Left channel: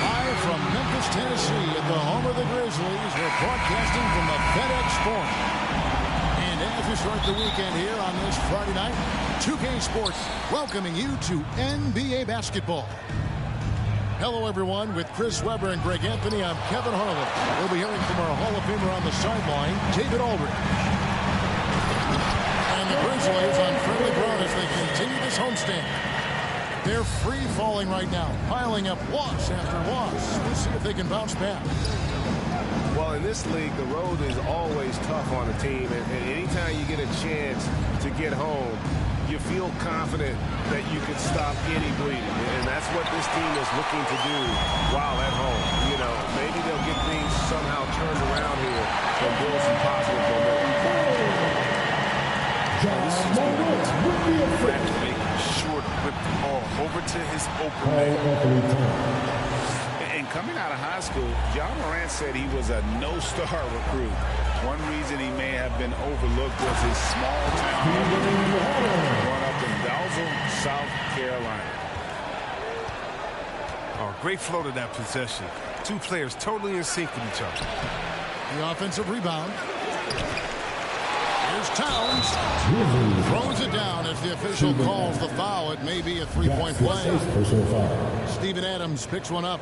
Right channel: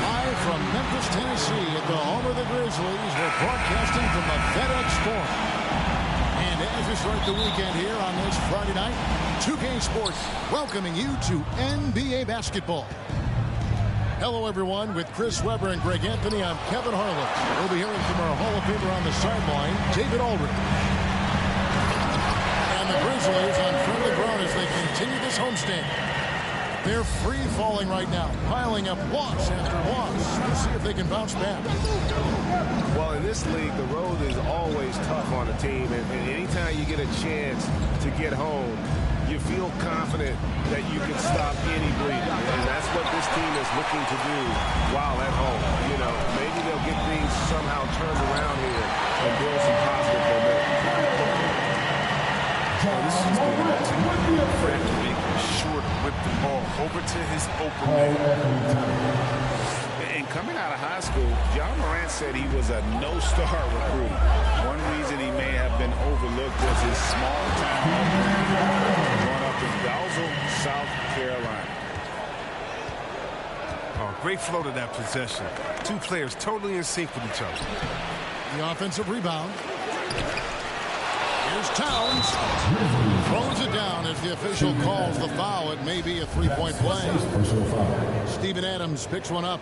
Live from Memphis, Tennessee, at the home of the Grizzlies, we're broadcasting from the FedEx Forum. And as we start the weekend here on this Friday night, 2K Sports welcoming you to NBA basketball. Hello, everyone. With Chris Webber and Greg Anthony, I'm Kevin Harlan. We'll be hearing from our Hall of Famer on the sideline, David Aldridge. And the Grizzlies on friendly ground as they continue this homestand. They're free-falling right now, piling up loss after loss. We'll see if they can bounce back. Well, in this league, the road is always tough on a team, and anytime you get a chance to get home, you feel confident that you can stop any bleeding, and that's what this team is looking to do while at home. You know, maybe they'll get things somehow turned around here and build some positive momentum. Oh, this is going to go to Brad to make sure to whip the ball over to his open man. And coming out of high school, John Morant said he was a no-star recruit. One reason he may have been overlooked was his small-town upbringing, growing up in Dalzell, South Carolina. Oh, great flow to that possession. Two players totally in sync with each other. The offensive rebound. Here's Towns. Throws it down as the official calls the foul. It may be a three-point play. Steven Adams picks one up.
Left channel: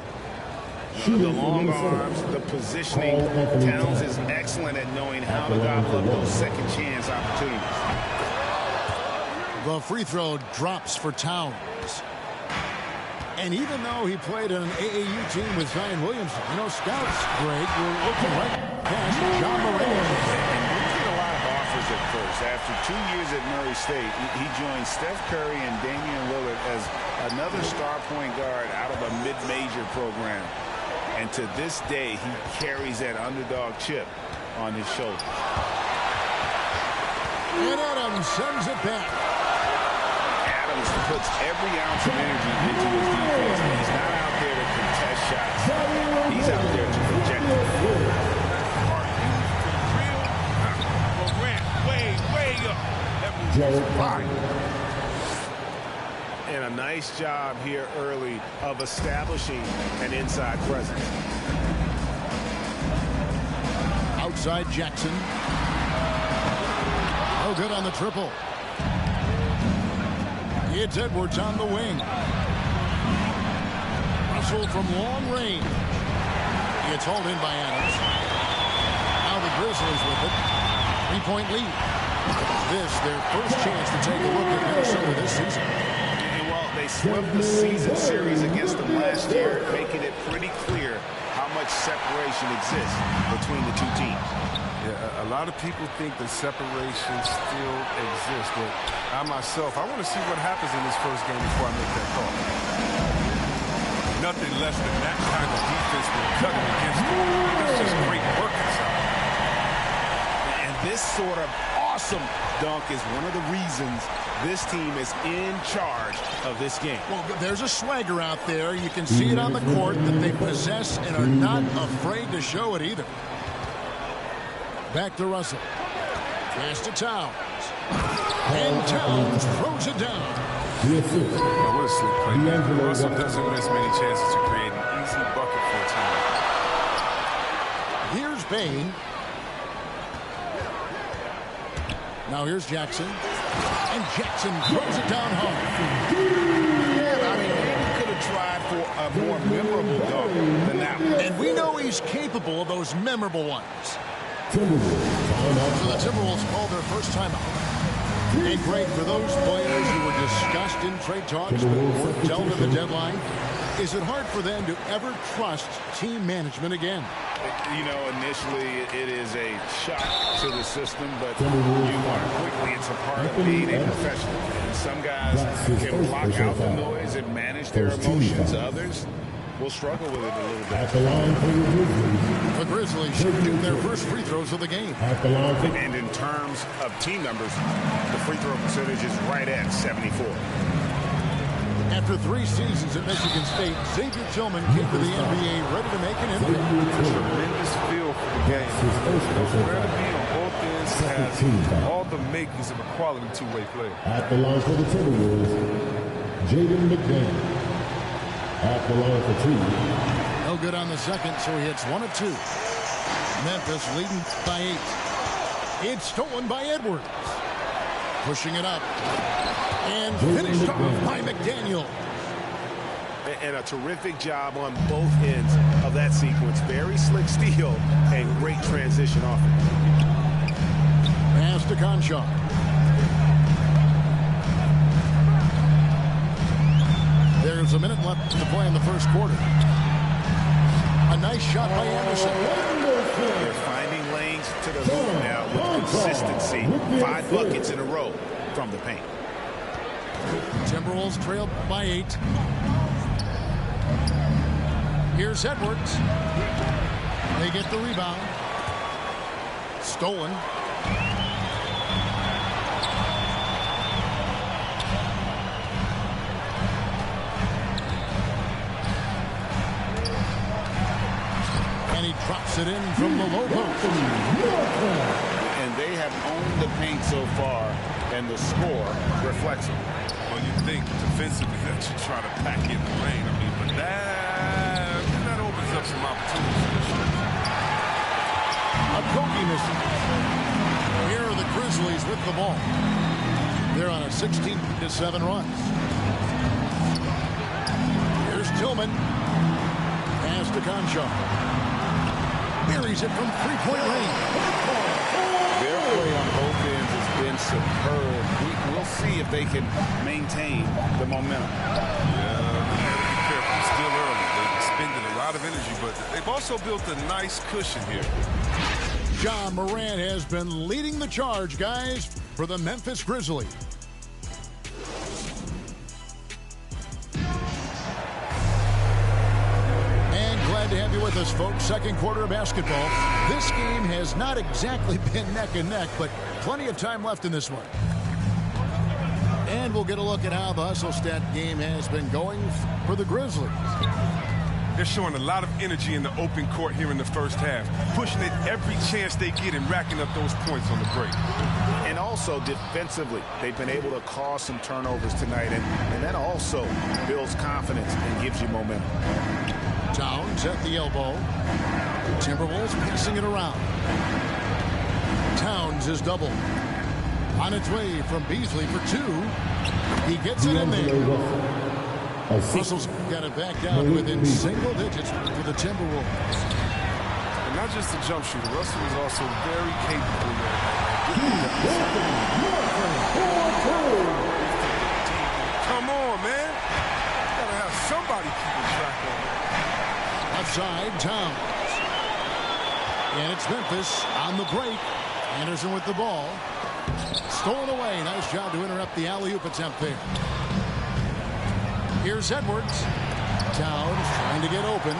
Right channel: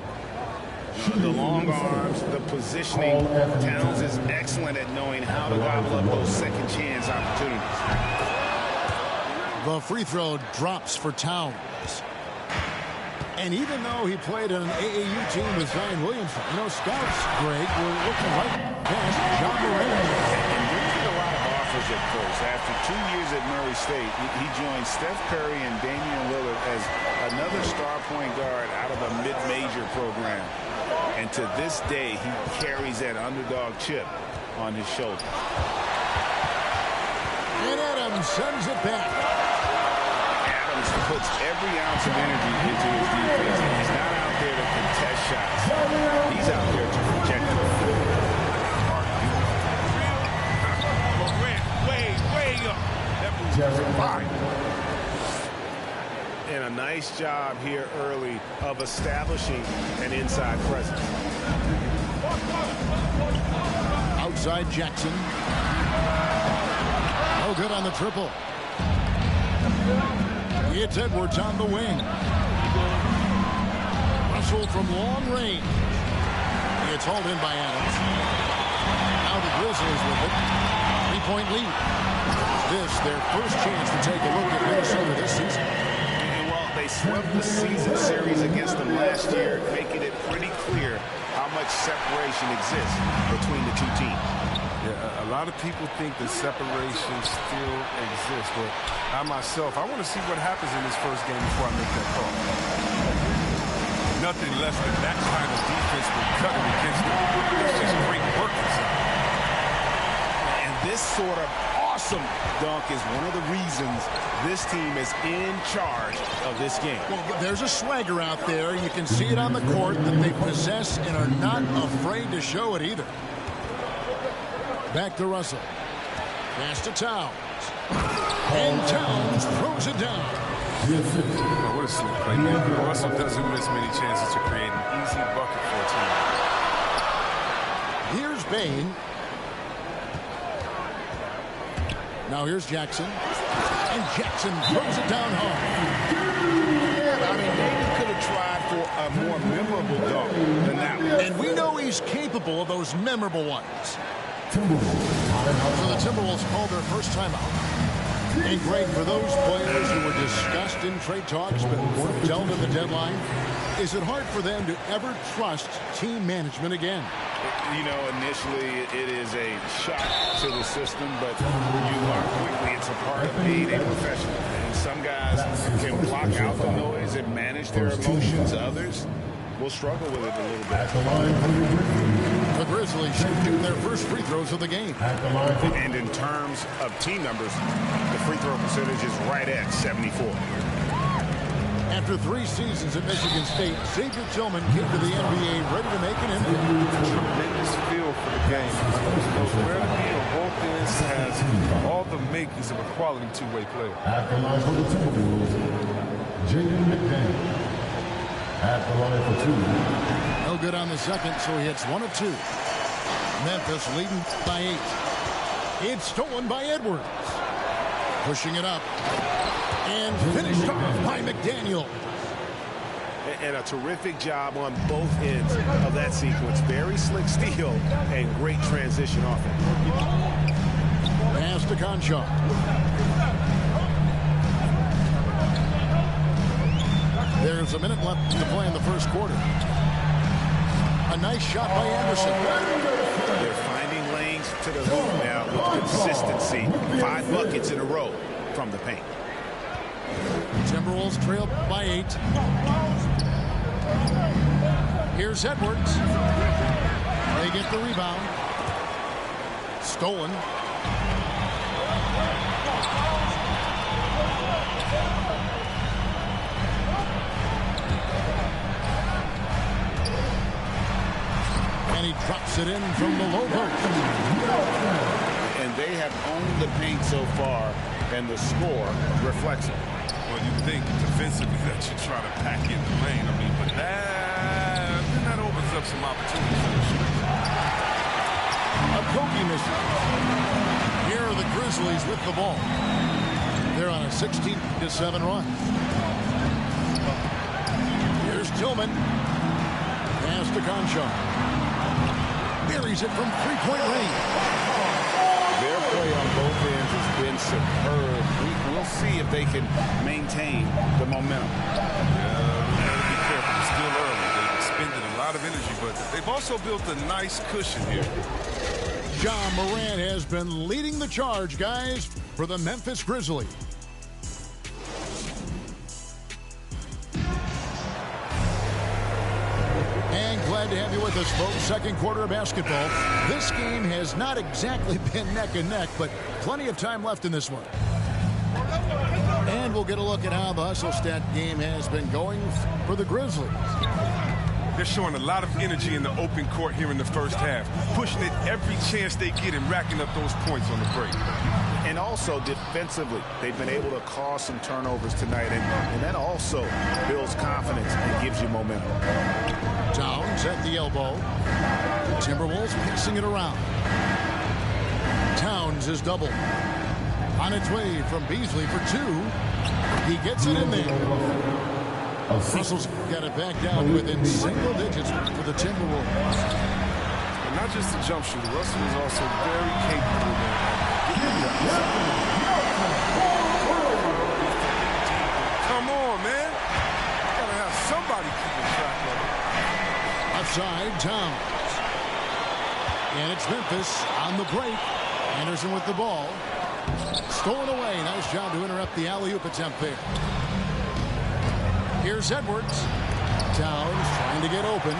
The long arms, the positioning. Towns is excellent at knowing how to gobble up those second chance opportunities. The free throw drops for Towns. And even though he played on an AAU team with Zion Williamson, you know, scouts, Greg, were looking right past John Morant. And didn't get a lot of offers at first. After 2 years at Murray State, he joined Steph Curry and Damian Lillard as another star point guard out of a mid-major program. And to this day, he carries that underdog chip on his shoulders. And Adams sends it back. Adams puts every ounce of energy into his defense. He's not out there to contest shots. He's out there to project them. Are you for real? Morant, way up. That move was fine. And a nice job here early of establishing an inside presence. Outside Jackson. No good on the triple. It's Edwards on the wing. Russell from long range. It's hauled in by Adams. Now the Grizzlies with it. 3-point lead. This their first chance to take a look at Minnesota this season. And while they swept the season series against them last year, making it pretty clear how much separation exists between the two teams. Yeah, a lot of people think the separation still exists, but I myself, I want to see what happens in this first game before I make that call. Nothing less than that kind of defense will cut it against them. That's just great work inside. And this sort of awesome dunk is one of the reasons this team is in charge of this game. Well, there's a swagger out there. You can see it on the court that they possess and are not afraid to show it either. Back to Russell. Pass to Towns. And Towns throws it down. Oh, what a slick playmaker. Russell doesn't miss many chances to create an easy bucket for a team. Here's Bain. Now here's Jackson. And Jackson throws it down hard. Yeah, I mean, maybe could have tried for a more memorable dunk than that one. And we know he's capable of those memorable ones. So the Timberwolves called their first timeout. And Greg, for those players who were discussed in trade talks but weren't dealt at the deadline, is it hard for them to ever trust team management again? You know, initially it is a shock to the system, but you learn quickly it's a part of being a professional. And some guys can block out the noise and manage their emotions. Others will struggle with it a little bit. At the line for the Grizzlies. The Grizzlies shooting their first free throws of the game. At the line for And in terms of team numbers, the free throw percentage is right at 74. After 3 seasons at Michigan State, Xavier Tillman came to the NBA ready to make an impact. Tremendous feel for the game. He knows where to be on both ends. Has all the makings of a quality two-way player. At the line for the Timberwolves, Jaden McDaniel. At the line for 2. No good on the second, so he hits 1 of 2. Memphis leading by 8. It's stolen by Edwards. Pushing it up. And finished off by McDaniel. And a terrific job on both ends of that sequence. Very slick steal and great transition offense. Pass to Conchar. There's a minute left to play in the first quarter. A nice shot by Anderson. They're finding lanes to the hoop now with consistency. 5 buckets in a row from the paint. Timberwolves trail by 8. Here's Edwards. They get the rebound. Stolen. And he drops it in from the low post. And they have owned the paint so far, and the score reflects it. Well, you think defensively that you try to pack in the lane. I mean, but that opens up some opportunities for the shooters. A Kogi misses. Here are the Grizzlies with the ball. They're on a 16-7 run. Here's Tillman. Pass to Conchar. Buries it from 3-point range. Their play on both ends has been superb. We'll see if they can maintain the momentum. Yeah, we got to be careful. It's still early. They've expended a lot of energy, but they've also built a nice cushion here. John Morant has been leading the charge, guys, for the Memphis Grizzlies. And Glad to have you with us, folks. Second quarter of basketball. This game has not exactly been neck and neck, but plenty of time left in this one. And we'll get a look at how the hustle stat game has been going for the Grizzlies. They're showing a lot of energy in the open court here in the first half, pushing it every chance they get and racking up those points on the break. And also defensively, they've been able to cause some turnovers tonight, and that also builds confidence and gives you momentum. Towns at the elbow. Timberwolves passing it around. Towns is doubled. On its way from Beasley for two. He gets it in there. Russell's got it back down to within single digits for the Timberwolves. But not just a jump shooter. Russell is also very capable there at getting it done. Come on, man. Gotta have somebody keeping track of it. Left side, Towns. And it's Memphis on the break. Anderson with the ball. Stolen away. Nice job to interrupt the alley-oop attempt there. Here's Edwards. Towns trying to get open.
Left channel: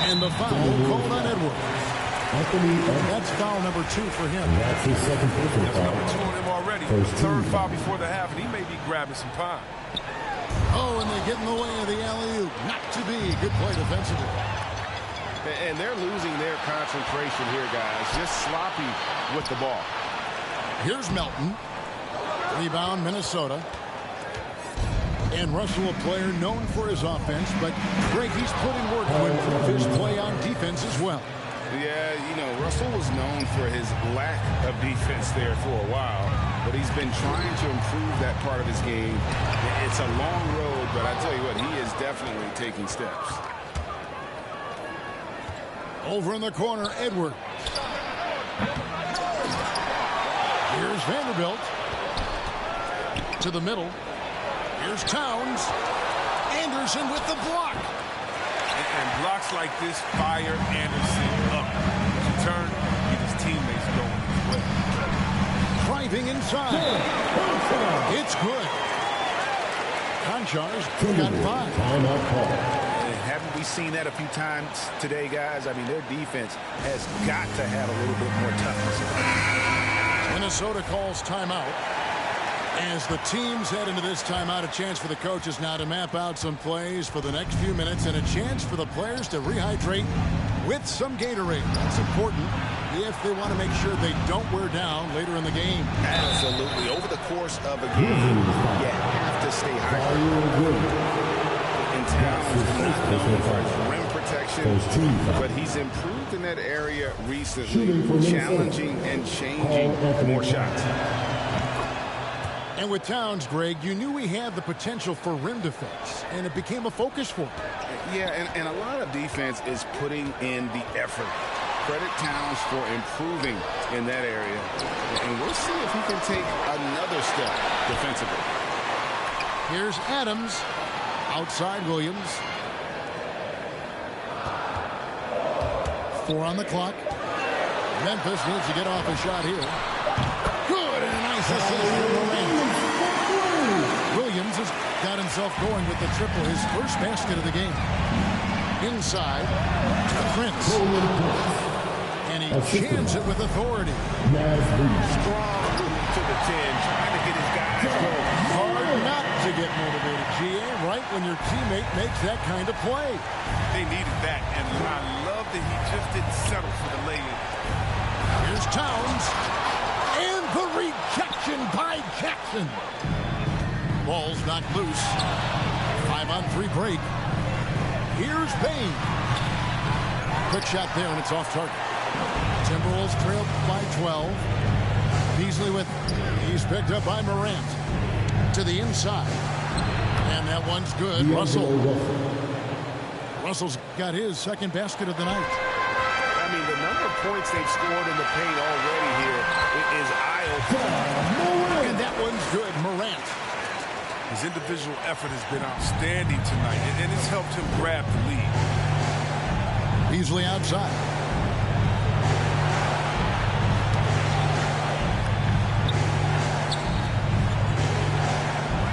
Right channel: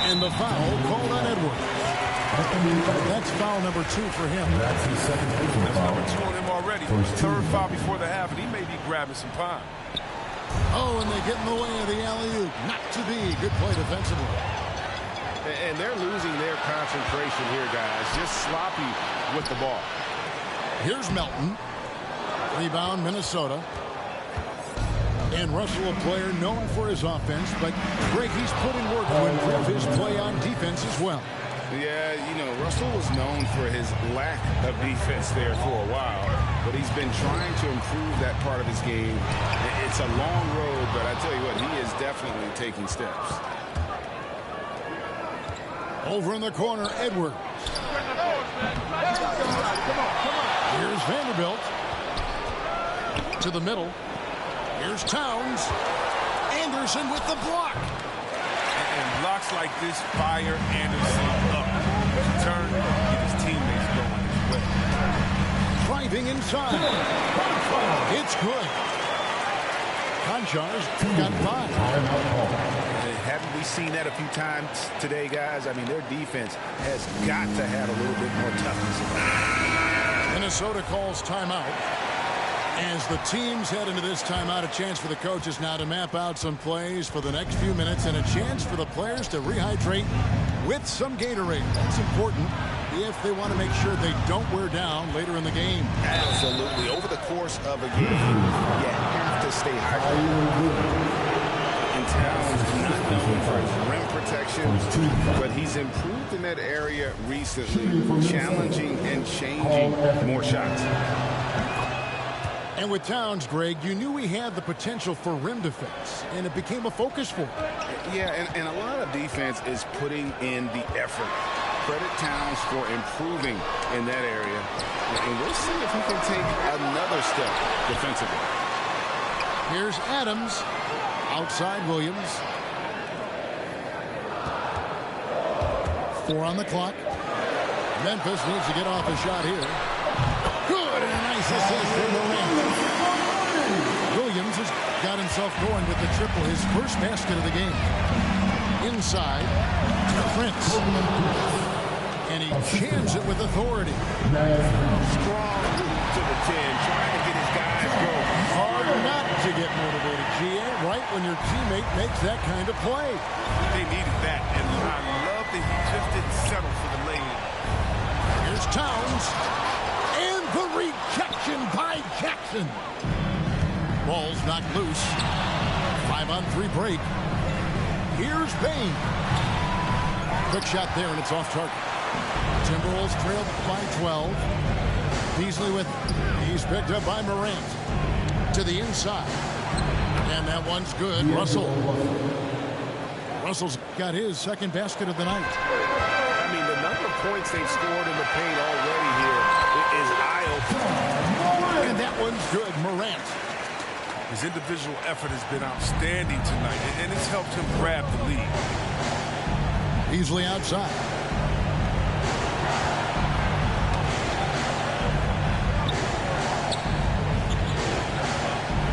And the foul called on Edwards. That's foul number 2 for him. That's his second personal That's foul. number 2 on him already. Third foul before the half, and he may be grabbing some pine. Oh, and they get in the way of the alley-oop. Not to be. Good play defensively. And they're losing their concentration here, guys. Just sloppy with the ball. Here's Melton. Rebound, Minnesota. And Russell, a player known for his offense, but Greg, he's put in work to improve his play on defense as well. Yeah, you know, Russell was known for his lack of defense there for a while, but he's been trying to improve that part of his game. It's a long road, but I tell you what, he is definitely taking steps. Over in the corner, Edwards. Here's Vanderbilt. To the middle. Here's Towns. Anderson with the block. And blocks like this fire Anderson up. In turn, get his teammates going as well. Driving inside. It's good. Konchar's got 5. Timeout call. And haven't we seen that a few times today, guys? I mean, their defense has got to have a little bit more toughness about it. Minnesota calls timeout. As the teams head into this timeout, a chance for the coaches now to map out some plays for the next few minutes and a chance for the players to rehydrate with some Gatorade. That's important if they want to make sure they don't wear down later in the game. Absolutely. Over the course of a game, you have to stay hydrated. And Towns not known for his rim protection, but he's improved in that area recently, challenging and changing more shots. And with Towns, Greg, you knew he had the potential for rim defense, and it became a focus for him. Yeah, and a lot of defense is putting in the effort. Credit Towns for improving in that area, and we'll see if he can take another step defensively. Here's Adams. Outside Williams. 4 on the clock. Memphis needs to get off a shot here. Good, and a nice assist from Morant. Williams has got himself going with the triple, his first basket of the game. Inside to Prince. And he jams it with authority. Strong move to the 10, trying to get his guys going. Hard not to get motivated, GA, right when your teammate makes that kind of play. They needed that, and I love that he just didn't settle for the lay-in. Here's Towns. And the rejection by Jackson. Ball's knocked loose. 5-on-3 break. Here's Bain. Quick shot there, and it's off target. Timberwolves trailed by 12. Beasley with it. He's picked up by Morant. To the inside. And that one's good. Russell's got his second basket of the night. I mean, the number of points they've scored in the paint already here is eye-opening. And that one's good. Morant. His individual effort has been outstanding tonight, and it's helped him grab the lead. Beasley outside.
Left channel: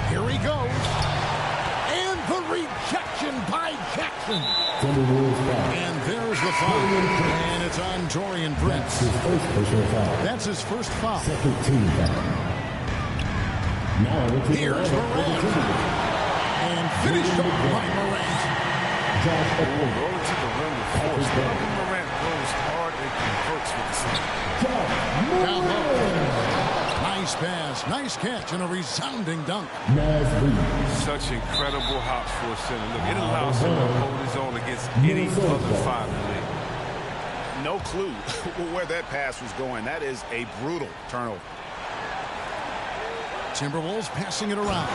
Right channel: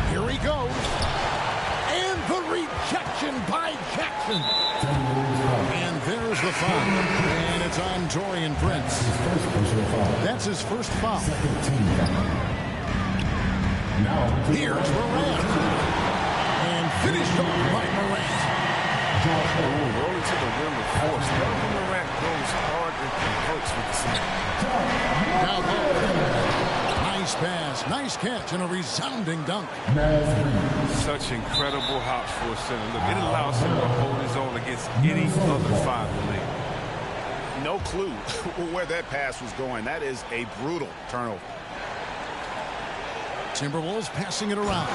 Here he goes. And rejection by Jackson. And there's the foul. And it's on Taurean Prince. His first personal foul. That's his first foul. Second team foul. Now here's Morant. And finished off by Morant. Rolling to the rim with force. Whenever Morant goes hard and converts with the slam. Down low. Nice pass, nice catch, and a resounding dunk. Such incredible hops for a center. Look, it allows him to hold his own against any other five in the league. No clue where that pass was going. That is a brutal turnover. Timberwolves passing it around.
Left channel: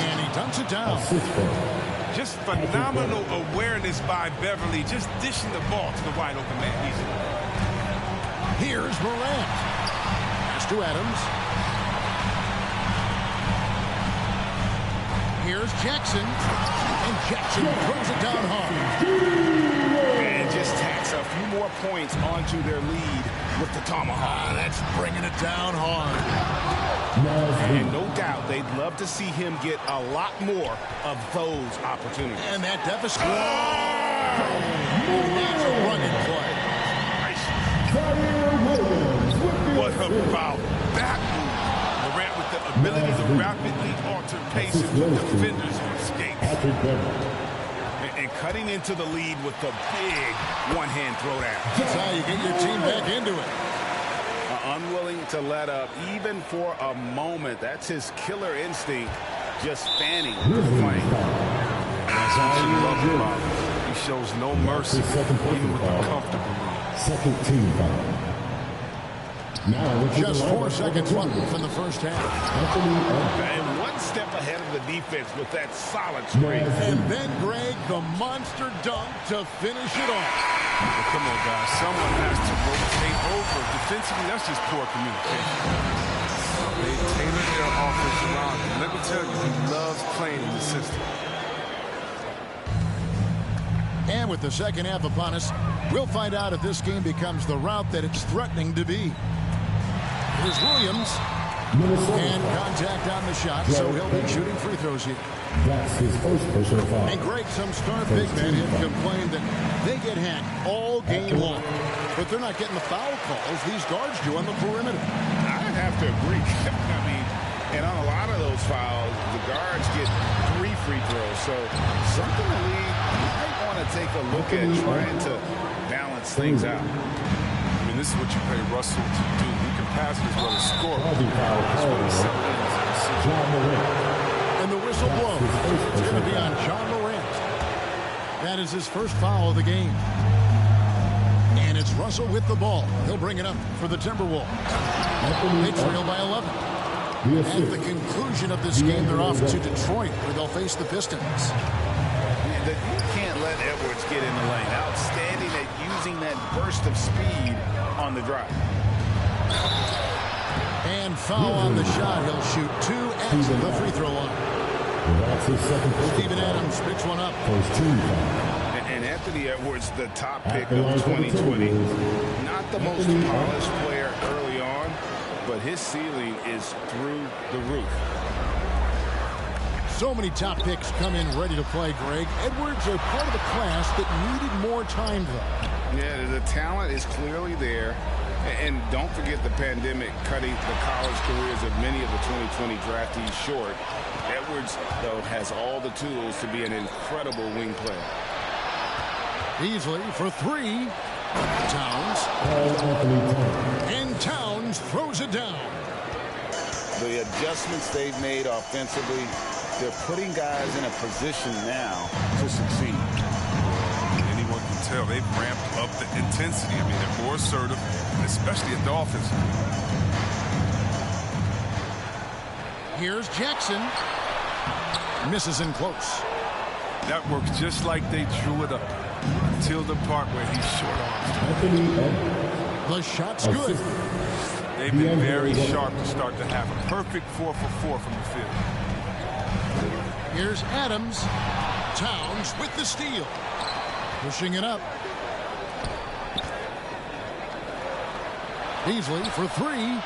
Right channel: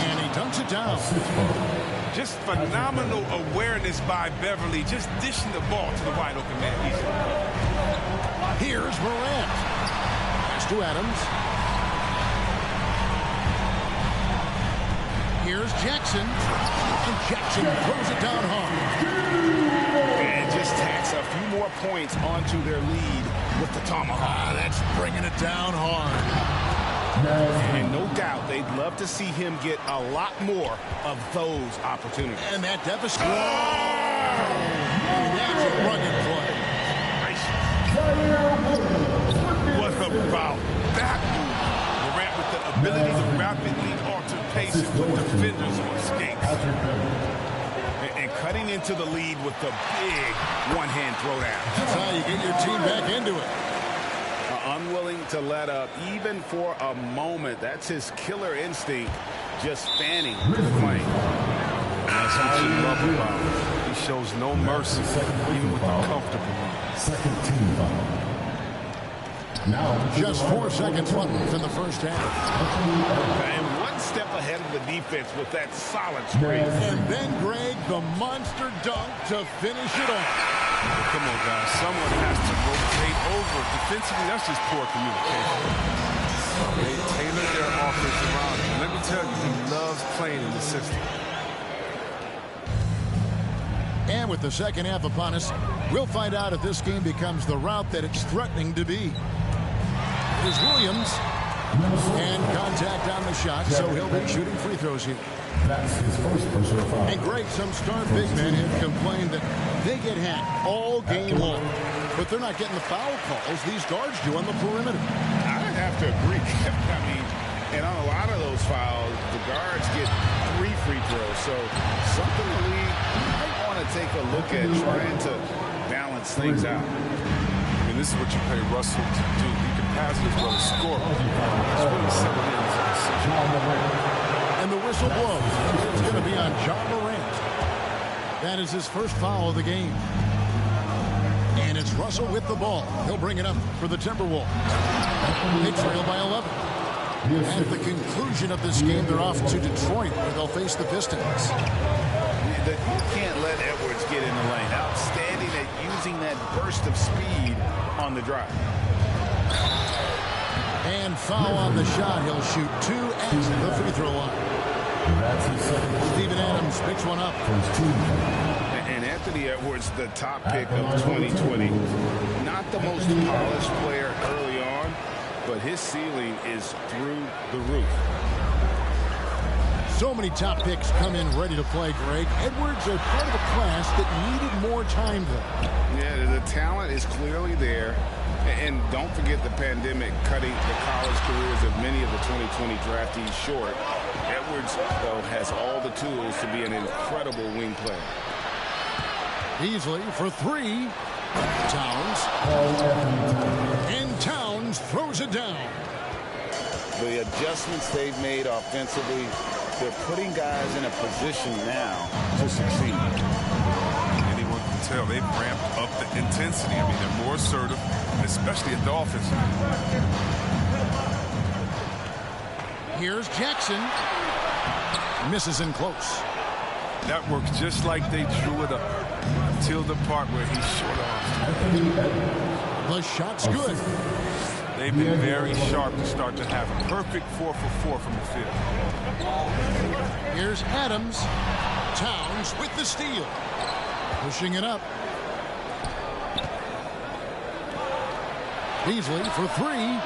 And he dunks it down. Just phenomenal awareness by Beverly, just dishing the ball to the wide open man easily. Here's Morant. Pass to Adams. Here's Jackson. And Jackson throws it down hard. And just tacks a few more points onto their lead with the tomahawk. That's bringing it down hard. And no doubt they'd love to see him get a lot more of those opportunities. And that deficit. Whoa! That's a rugged play. What about that move? Morant with the ability to rapidly alter pace and put defenders on skates. And cutting into the lead with the big one-hand throwdown. That's how you get your team back into it. Unwilling to let up even for a moment. That's his killer instinct, just fanning the flame. That's what you love about him. He shows no mercy, even with the comfortable lead. Second team foul. Now just 4 seconds left in the first half. And one step ahead of the defense with that solid screen. And then, Greg, the monster dunk to finish it off. Well, come on, guys. Someone has to rotate over. Defensively, that's just poor communication. They tailored their offense around him. Let me tell you, he loves playing in the system. And with the second half upon us, we'll find out if this game becomes the route that it's threatening to be. Here's Williams. And contact on the shot, so he'll be shooting free throws here. That's his first personal foul. And Greg, some star big men have complained that they get hacked all game long. But they're not getting the foul calls these guards do on the perimeter. I'd have to agree. I mean, and on a lot of those fouls, the guards get 3 free throws. So something the league might want to take a look at trying to balance things out. I mean, this is what you pay Russell to do. He can pass it as well as score. That's what he's settled in as a decision. And the whistle blows. It's going to be on John Morant. That is his first foul of the game. And it's Russell with the ball. He'll bring it up for the Timberwolves. They trail by 11. At the conclusion of this game, they're off to Detroit, where they'll face the Pistons. You can't let Edwards get in the lane. Outstanding at using that burst of speed on the drive. And foul on the shot. He'll shoot 2 at the free throw line. That's his second. Steven Adams picks one up. First team foul. And Anthony Edwards, the top pick of 2020. Not the most polished player early on, but his ceiling is through the roof. So many top picks come in ready to play, Greg. Edwards are part of a class that needed more time, though. Yeah, the talent is clearly there. And don't forget the pandemic cutting the college careers of many of the 2020 draftees short. Edwards, though, has all the tools to be an incredible wing player. Easily for 3. Towns. And Towns throws it down. The adjustments they've made offensively, they're putting guys in a position now to succeed. Anyone can tell they've ramped up the intensity. I mean, they're more assertive, especially at the offensive end. Here's Jackson. Misses in close. That works just like they drew it up until the part where he short arms. The shot's good. They've been very sharp to start to have a perfect 4 for 4 from the field. Here's Adams. Towns with the steal. Pushing it up. Beasley for 3.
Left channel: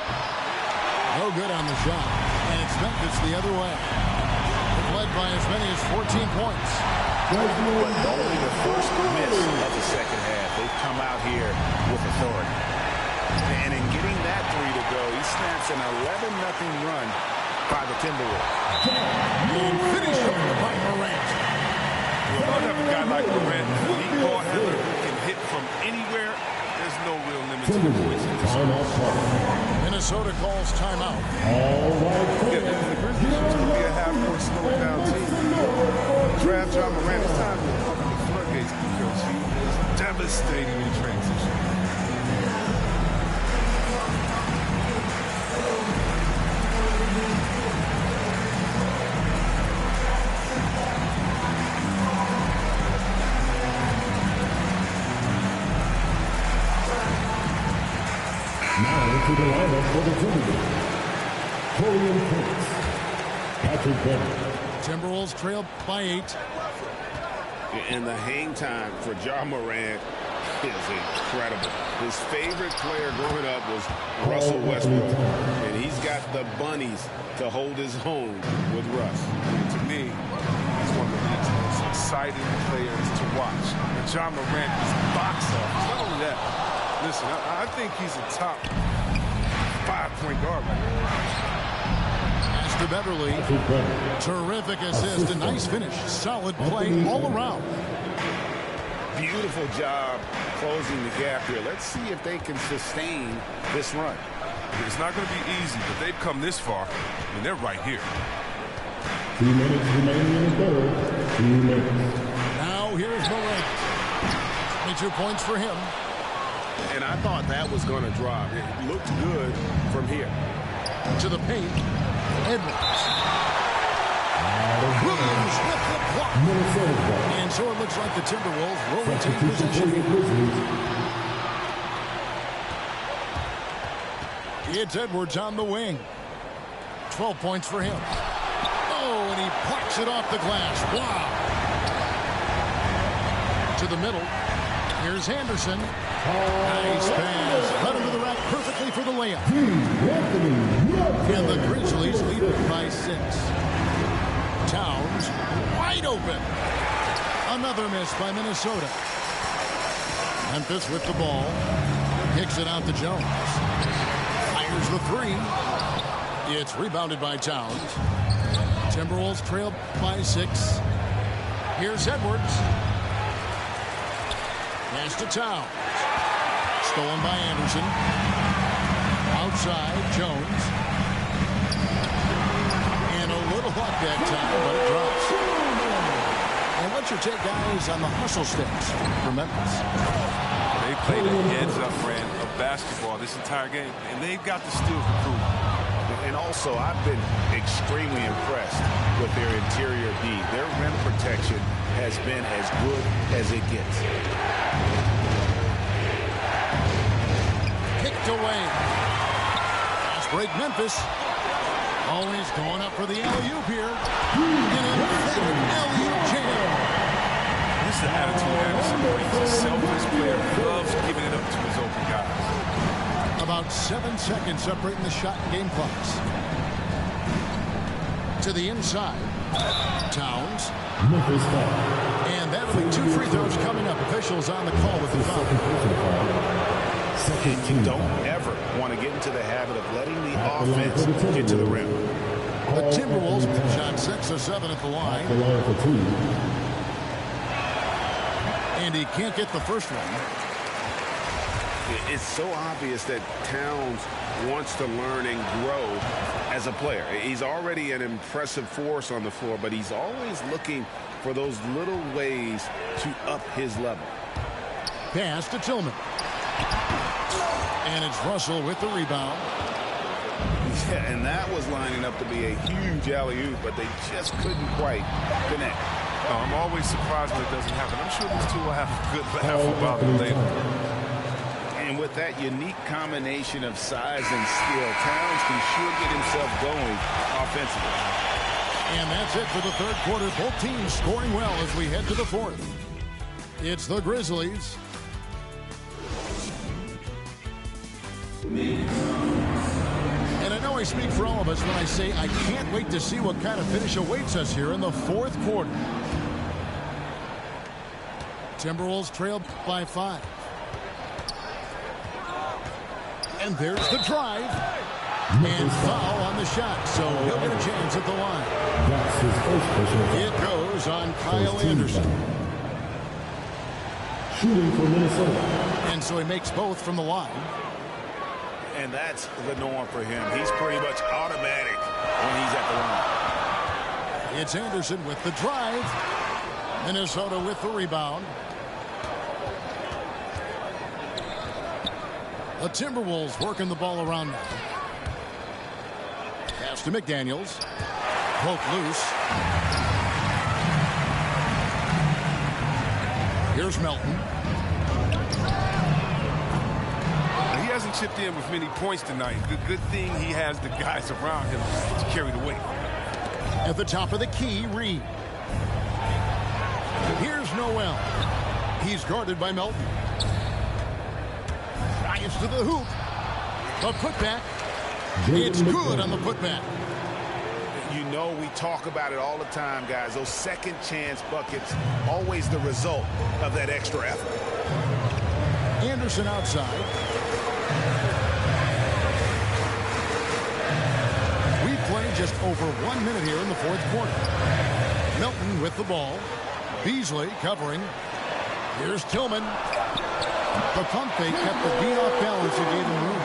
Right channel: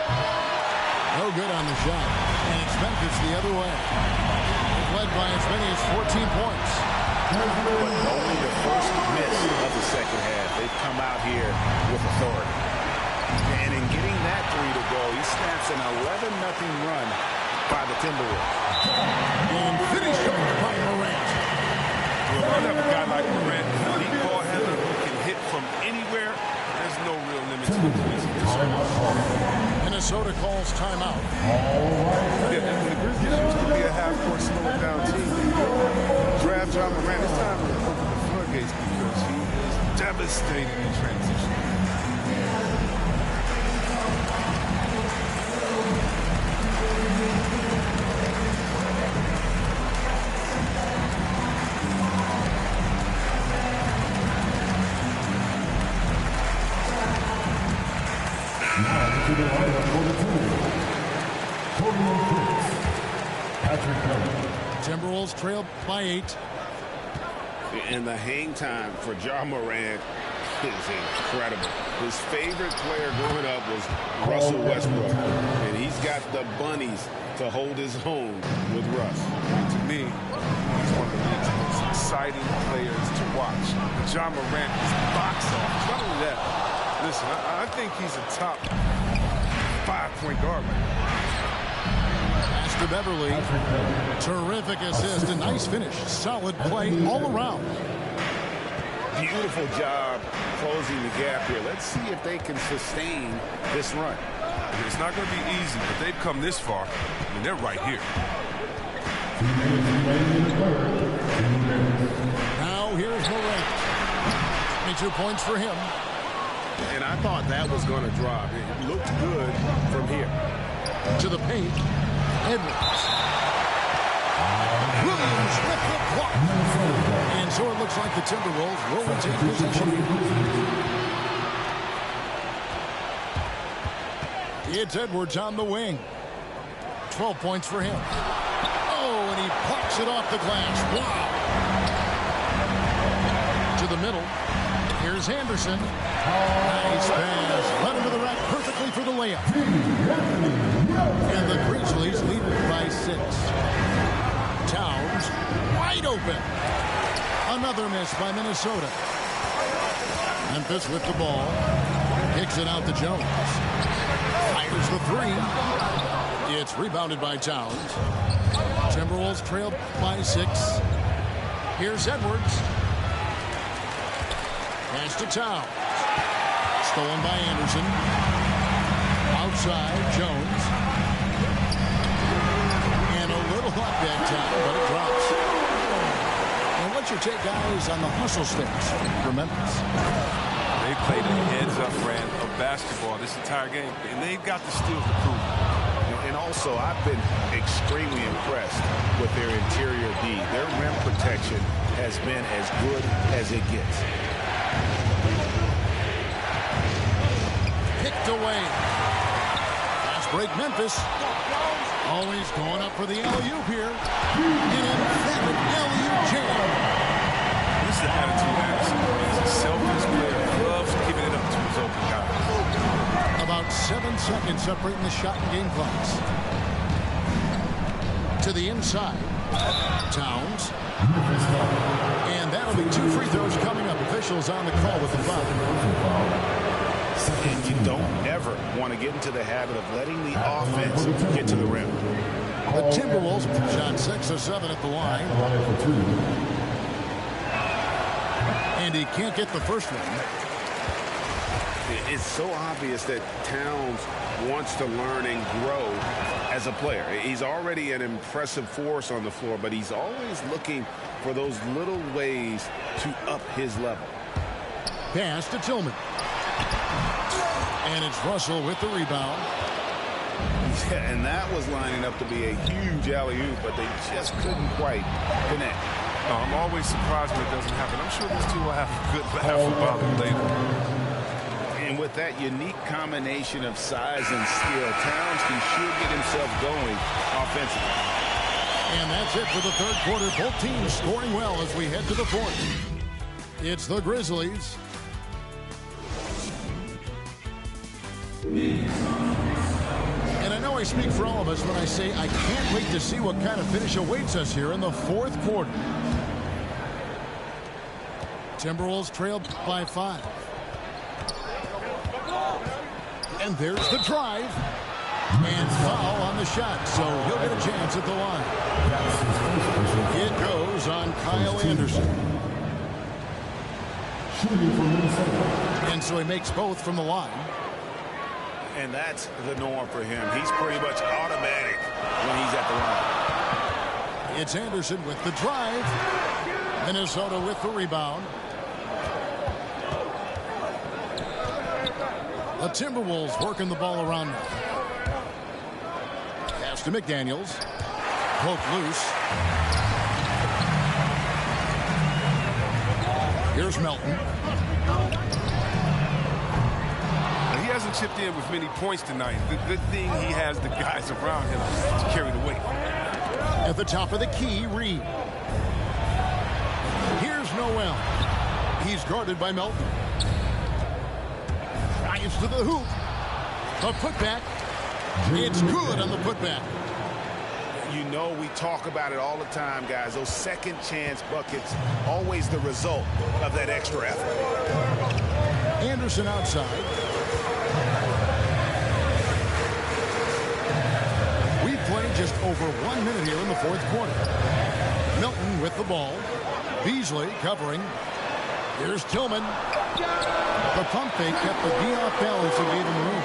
No good on the shot. And it's Memphis the other way. led by as many as 14 points. But only the first miss of the second half. They've come out here with authority. And in getting that three to go, he snaps an 11-0 run by the Timberwolves. And finished off by Morant. Well, when you have a guy like Morant, an elite ball handler who can hit from anywhere, there's no real limit to the points he can score. Minnesota calls timeout. Yeah, and the Grizzlies used to be a half-court slowing down team. Draft John Morant. It's time to open the floodgates because he is devastating in transition. Now into the lineup for the Timberwolves. Torian Prince, Patrick Beverley. Timberwolves trail by 8. And the hang time for John Morant is incredible. His favorite player growing up was Russell Westbrook. And he's got the bunnies to hold his own with Russ. And to me, he's one of the league's most exciting players to watch. And John Morant is box office. Not only that, listen, I think he's a top 5-point guard right now. Pass to Beverley. Terrific assist. A nice finish. Solid play all around. Beautiful job closing the gap here. Let's see if they can sustain this run. It's not going to be easy, but they've come this far. I mean, they're right here. 2 minutes remaining in the third. 2 minutes. Now here's Morant. 22 points for him. And I thought that was going to drop. It looked good from here. To the paint. Edwards. Williams with the block. And so it looks like the Timberwolves will retain possession. It's Edwards on the wing. 12 points for him. Oh, and he plucks it off the glass. Wow. To the middle. Here's Anderson. Nice pass. Led him to the rack perfectly for the layup. And the Grizzlies lead by 6. Towns wide open. Another miss by Minnesota. Memphis with the ball. Kicks it out to Jones. Fires the 3. It's rebounded by Towns. Timberwolves trail by 6. Here's Edwards. Pass to Towns. Stolen by Anderson. Outside, Jones. And a little luck that time, but it drops. And what's your take, guys, on the hustle sticks for Memphis? They played a heads-up brand of basketball this entire game, and they've got the steals to prove it. And also, I've been extremely impressed with their interior D. Their rim protection has been as good as it gets. Picked away. Fast break, Memphis. Always going up for the alley-oop here. An emphatic alley-oop jam. This is the attitude Anderson brings. A selfless player who loves giving it up to his open guys. About 7 seconds separating the shot and game clocks. To the inside. Towns. And that'll be 2 free throws coming up. Officials on the call with the foul. And you don't ever want to get into the habit of letting the offense get to the rim. The Timberwolves shot 6 of 7 at the line. And he can't get the first one. It's so obvious that Towns wants to learn and grow as a player. He's already an impressive force on the floor, but he's always looking for those little ways to up his level. Pass to Tillman. And it's Russell with the rebound. Yeah, and that was lining up to be a huge alley-oop, but they just couldn't quite connect. No, I'm always surprised when it doesn't happen. I'm sure these two will have a good laugh about it later. And with that unique combination of size and skill, Towns can sure get himself going offensively. And that's it for the third quarter. Both teams scoring well as we head to the fourth. It's the Grizzlies. And I know know I speak for all of us when I say I can't wait to see what kind of finish awaits us here in the fourth quarter. Timberwolves trail by 5. And there's the drive. And foul on the shot, so he'll get a chance at the line. That's his first personal foul. It goes on Kyle Anderson. Shooting for Minnesota. And so he makes both from the line. And that's the norm for him. He's pretty much automatic when he's at the line. It's Anderson with the drive. Minnesota with the rebound. The Timberwolves working the ball around now. Pass to McDaniels. Poke loose. Here's Melton. He hasn't chipped in with many points tonight. The good thing he has the guys around him to carry the weight. At the top of the key, Reed. Here's Noel. He's guarded by Melton. Drives to the hoop. The putback. It's good on the putback. You know, we talk about it all the time, guys. Those second chance buckets, always the result of that extra effort. Anderson outside. We play just over 1 minute here in the fourth quarter. Melton with the ball. Beasley covering. Here's Tillman. The pump fake kept the D off balance and gave him room.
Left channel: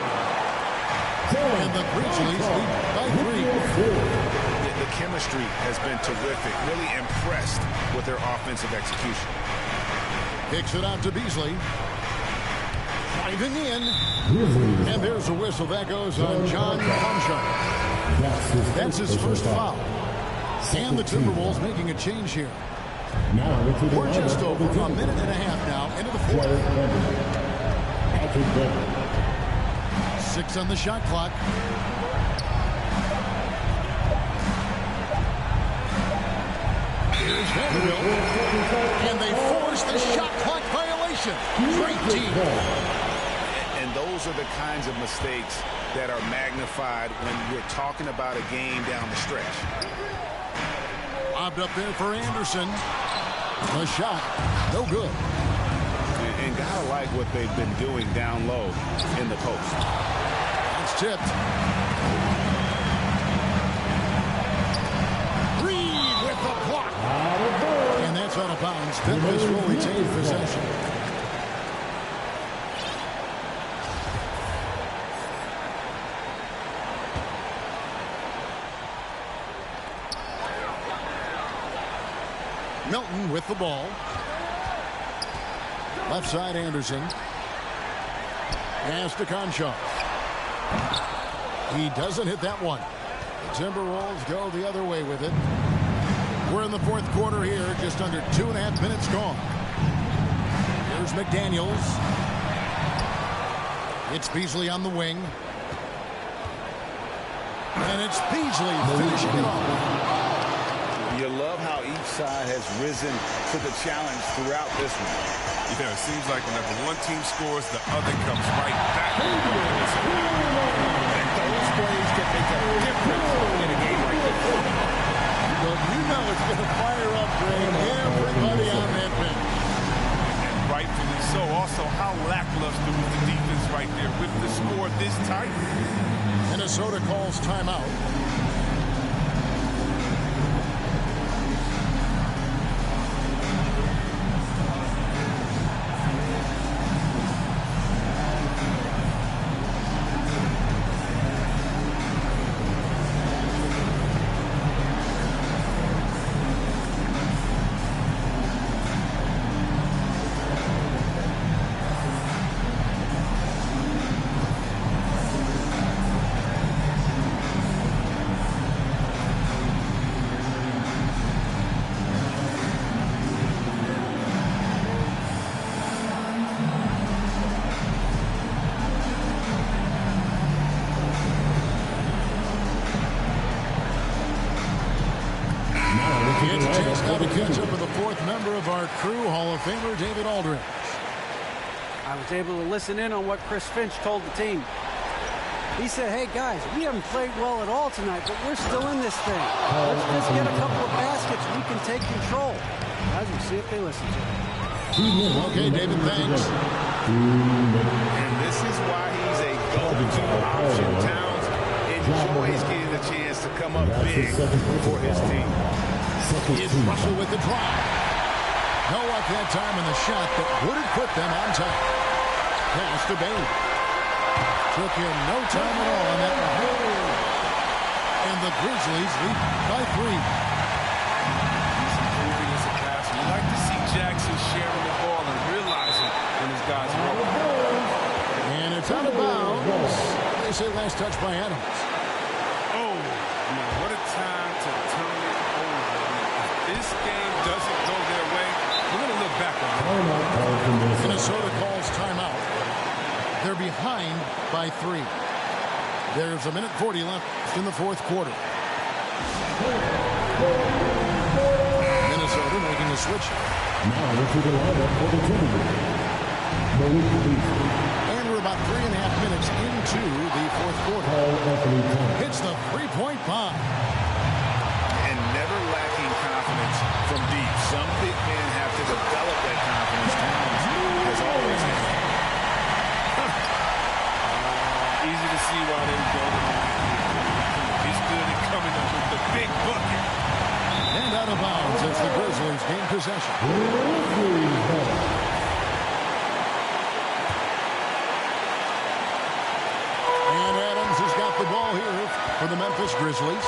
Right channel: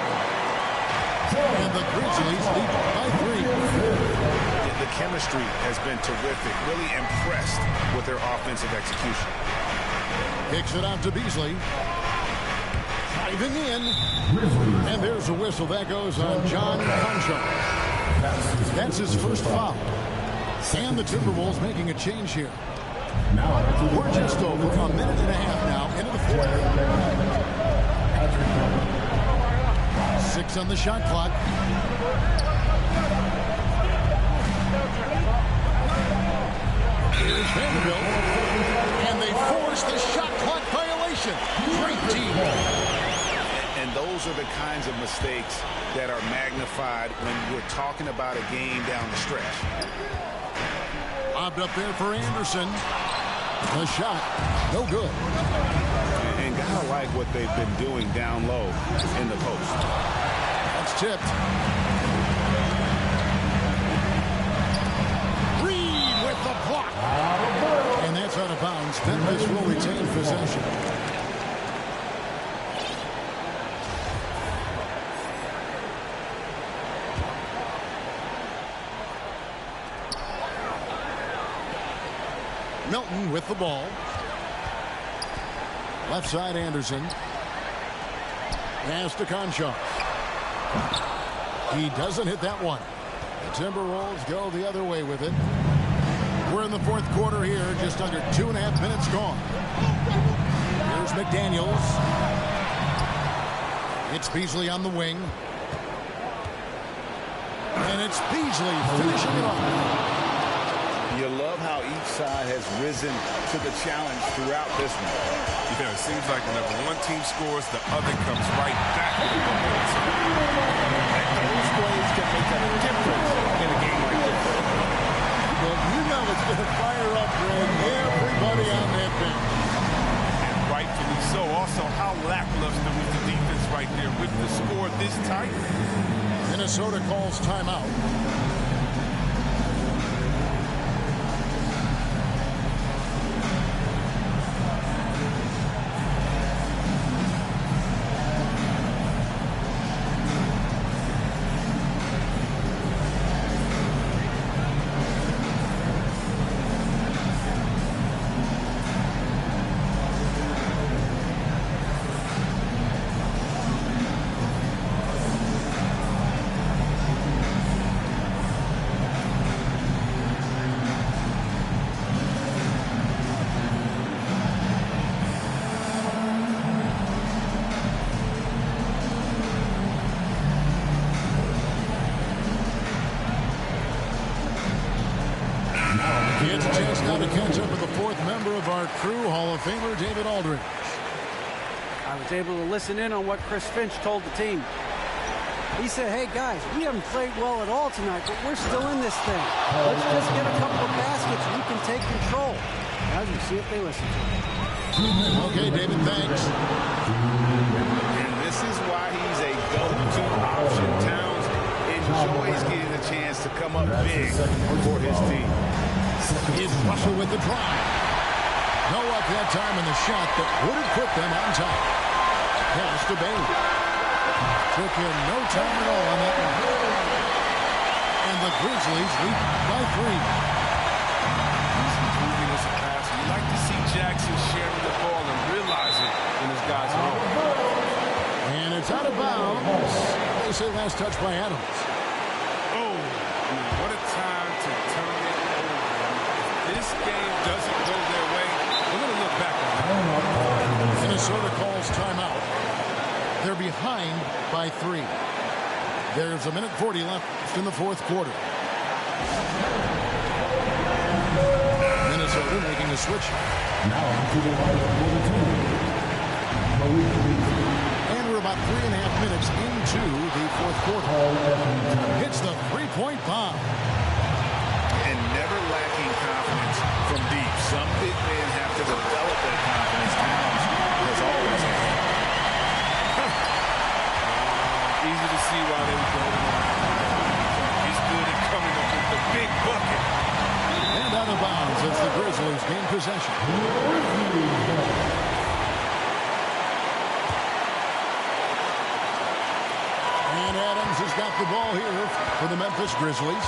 And the Grizzlies lead by 3. Yeah, the chemistry has been terrific. Really impressed with their offensive execution. Kicks it out to Beasley. Driving in. And there's a whistle. That goes on John Conchar. That's his first foul. And the Timberwolves making a change here. We're just over a minute and a half now into the fourth. 6 on the shot clock. Here's Vanderbilt. And they force the shot clock violation. Great team. And those are the kinds of mistakes that are magnified when we're talking about a game down the stretch. Lobbed up there for Anderson. The shot, no good. And gotta like what they've been doing down low in the post. That's tipped. Reed with the block. And that's out of bounds. Memphis will retain possession. Melton with the ball. Left side, Anderson. Pass to Conchar. He doesn't hit that one. The Timberwolves go the other way with it. We're in the fourth quarter here, just under 2.5 minutes gone. Here's McDaniels. It's Beasley on the wing. And it's Beasley finishing it off. You love how each side has risen to the challenge throughout this one. Yeah, it seems like whenever one team scores, the other comes right back with a bucket. And those plays can make a difference in a game like this. Well, you know it's going to fire up, Greg, everybody on that bench. And rightfully so. Also, how lackluster was the defense right there with the score this tight? Minnesota calls timeout. It's a chance now to catch up with the fourth member of our crew, Hall of Famer David Aldridge. I was able to listen in on what Chris Finch told the team. He said, hey, guys, we haven't played well at all tonight, but we're still in this thing. Let's just get a couple of baskets. We can take control. Guys, we'll see if they listen to him. Okay, David, thanks. And this is why he's a go-to option. Towns enjoys getting the chance to come up big for his team. It's Russell with the drive. No luck that time in the shot that would have put them on top. Pass to Bain. Took him no time at all on that one. And the Grizzlies lead by 3. He's improving as a passer. You like to see Jackson sharing the ball and realizing when his guys are open. And it's out of bounds. They say last touch by Adams. Oh, I mean, what a time to turn it over. I mean, if this game doesn't go their way, we're going to look back on it. Minnesota calls timeout. They're behind by 3. There's 1:40 left in the fourth quarter. Minnesota making a switch. Now into the lineup for the team. And we're about 3.5 minutes into the fourth quarter. Hits the three-point bomb. And never lacking confidence from deep. Some big men have to develop that confidence. Towns has always had it. Easy to see why they go to Morant here. He's good at coming up with the big bucket. And out of bounds as the Grizzlies gain possession. And Adams has got the ball here for the Memphis Grizzlies.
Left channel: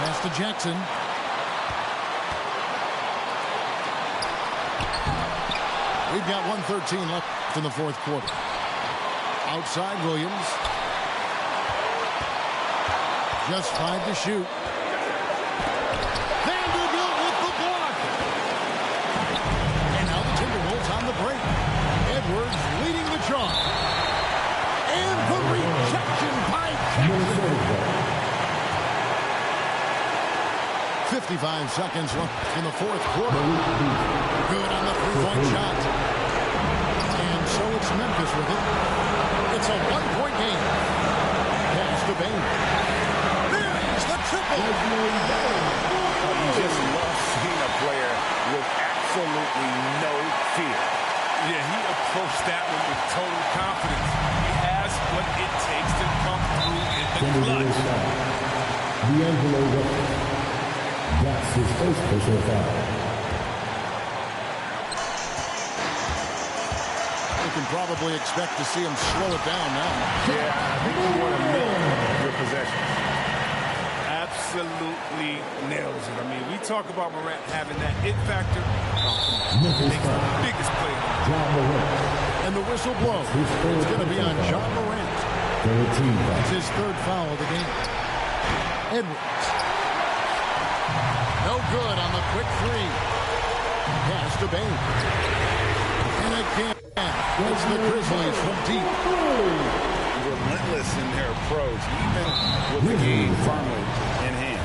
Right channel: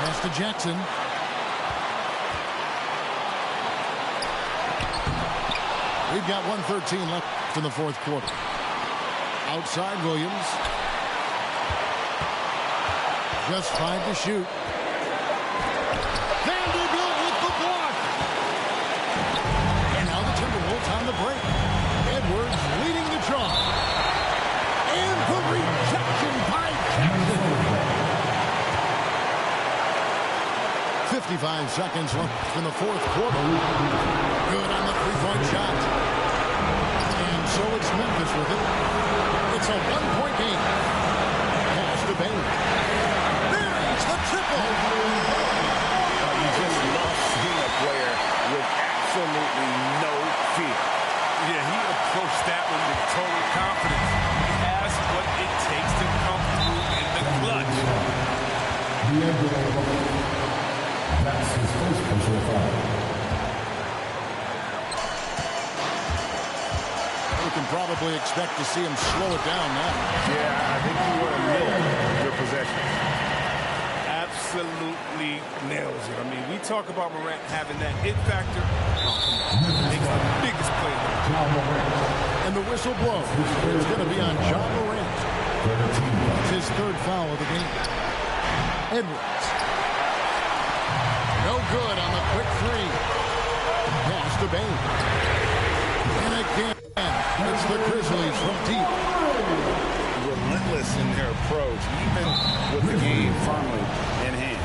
Pass to Jackson. We've got 1:13 left in the fourth quarter. Outside Williams. Just 5 to shoot. Vanderbilt with the block. And now the Timberwolves on the break. Edwards leading the charge. And the rejection by Jackson. 55 seconds left in the fourth quarter. Good on the three-point shot. And so it's Memphis with it. It's a one-point game. Pass to Bain. There's the triple. You just love seeing a player with absolutely no fear. Yeah, he approached that one with total confidence. He has what it takes to come through in the clutch. That's his first personal foul. We can probably expect to see him slow it down now. Yeah, I think you want to milk your possessions. Absolutely nails it. I mean, we talk about Morant having that it factor. Oh, come on. Makes the biggest play. And the whistle blows. It's going to be on John Morant. It's his third foul of the game. Edwards. No good on the quick three. Pass to Bain. And again, it's the Grizzlies from deep. Relentless in their approach, even with the game firmly in hand.